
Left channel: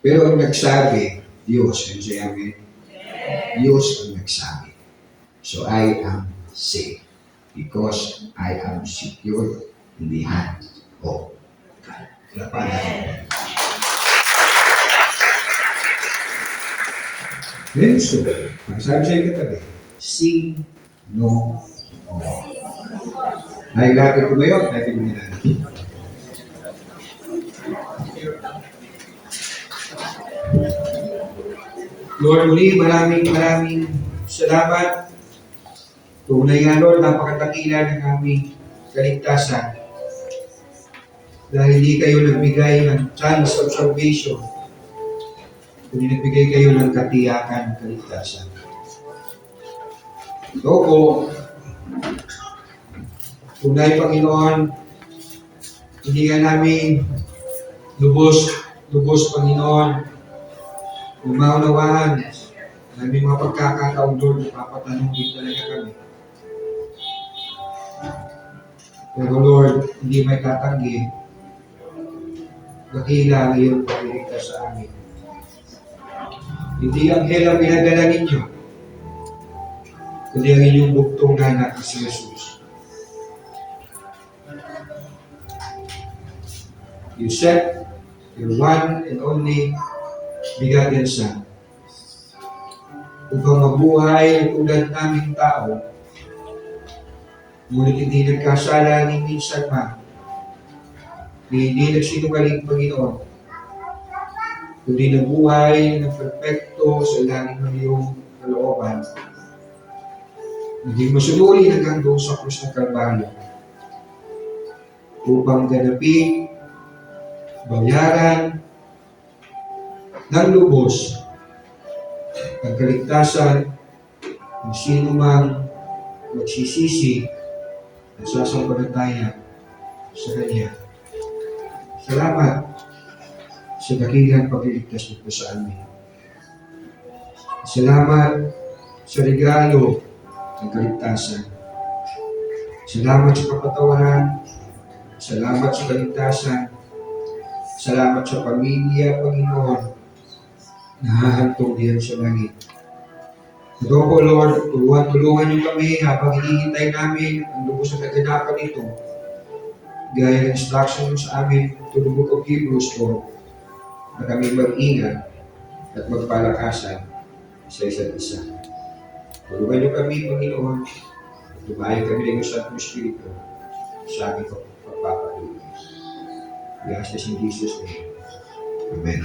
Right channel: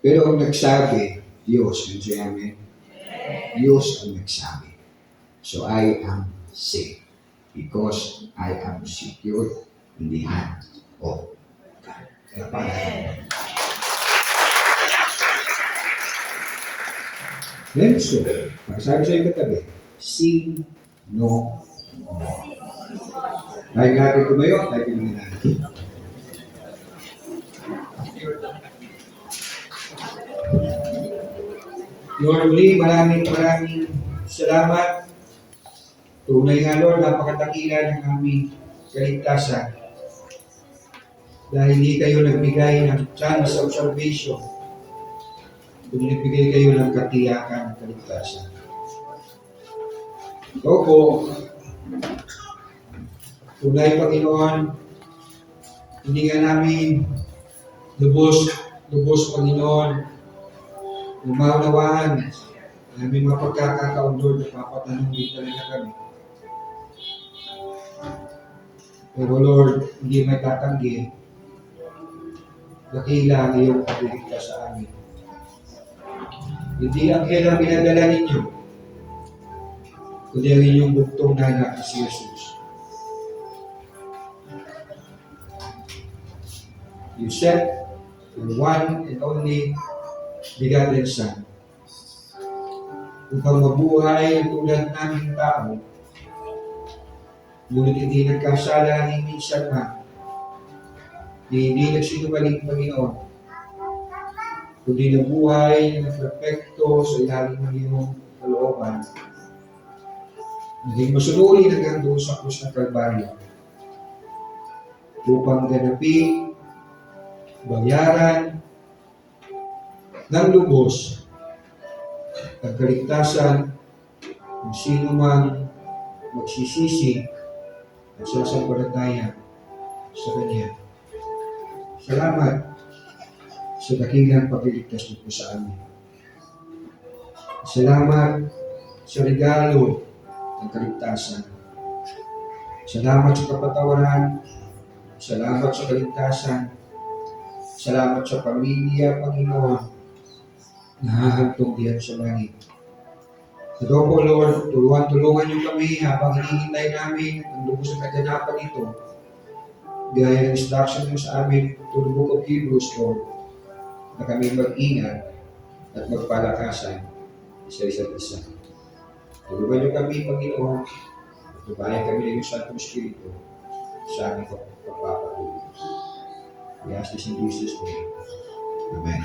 Pero ang nagsabi, Diyos, and say amen, Diyos ang nagsabi. So I am safe because I am secure in the hand of God. Then so, sabi sa iyo katabi, sin no more. Ay, gagawin ko ba yun? Ay, ko nila. Lord, muli, maraming salamat. Tunay nga, Lord, napakadakila ng aming kaligtasan. Dahil hindi kayo nagbigay ng chance of salvation, kundi nagbigay kayo ng katiyakan, kaligtasan. Ako po, tunay, Panginoon, hindi nga namin lubos, Panginoon, na maunawaan na may mga pagkakataon doon na papatanong din talaga kami. Pero Lord, hindi may tatanggi, dakila ang iyong pagligtas sa amin. Hindi ang hell ang pinagdala ninyo, kundi ang inyong bugtong na anak si Jesus. You sent your one and only begotten Son upang mabuhay tulad naming tao, ngunit hindi nagkasala ni minsan man, hindi nagsinungaling, Panginoon, kundi nabuhay ng perfecto sa ilalim ng iyong kalooban naging masunuri hanggang doon sa krus ng Kalbaryo upang ganapin, bayaran ng lubos ang kaligtasan ng sino mang magsisisi at sasampalataya sa Kanya. Salamat sa dakilang pagliligtas niyo po sa amin. Salamat sa regalo ng kaligtasan. Salamat sa kapatawaran. Salamat sa kaligtasan. Salamat sa pamilya, Panginoon, na hahantong diyan sa langit. Ito po, Lord, tulungan niyo kami habang hinihintay namin ang lubos na kaganapan nito. Gaya ng instruction niyo sa amin to the book of Hebrews, Lord, na kami mag-ingat at magpalakasan sa isa't isa. Tulungan niyo kami, Panginoon, at lumayan kami ng iyong Santong Espiritu sa aming pagpapatuloy. We ask this in Jesus' name. Amen.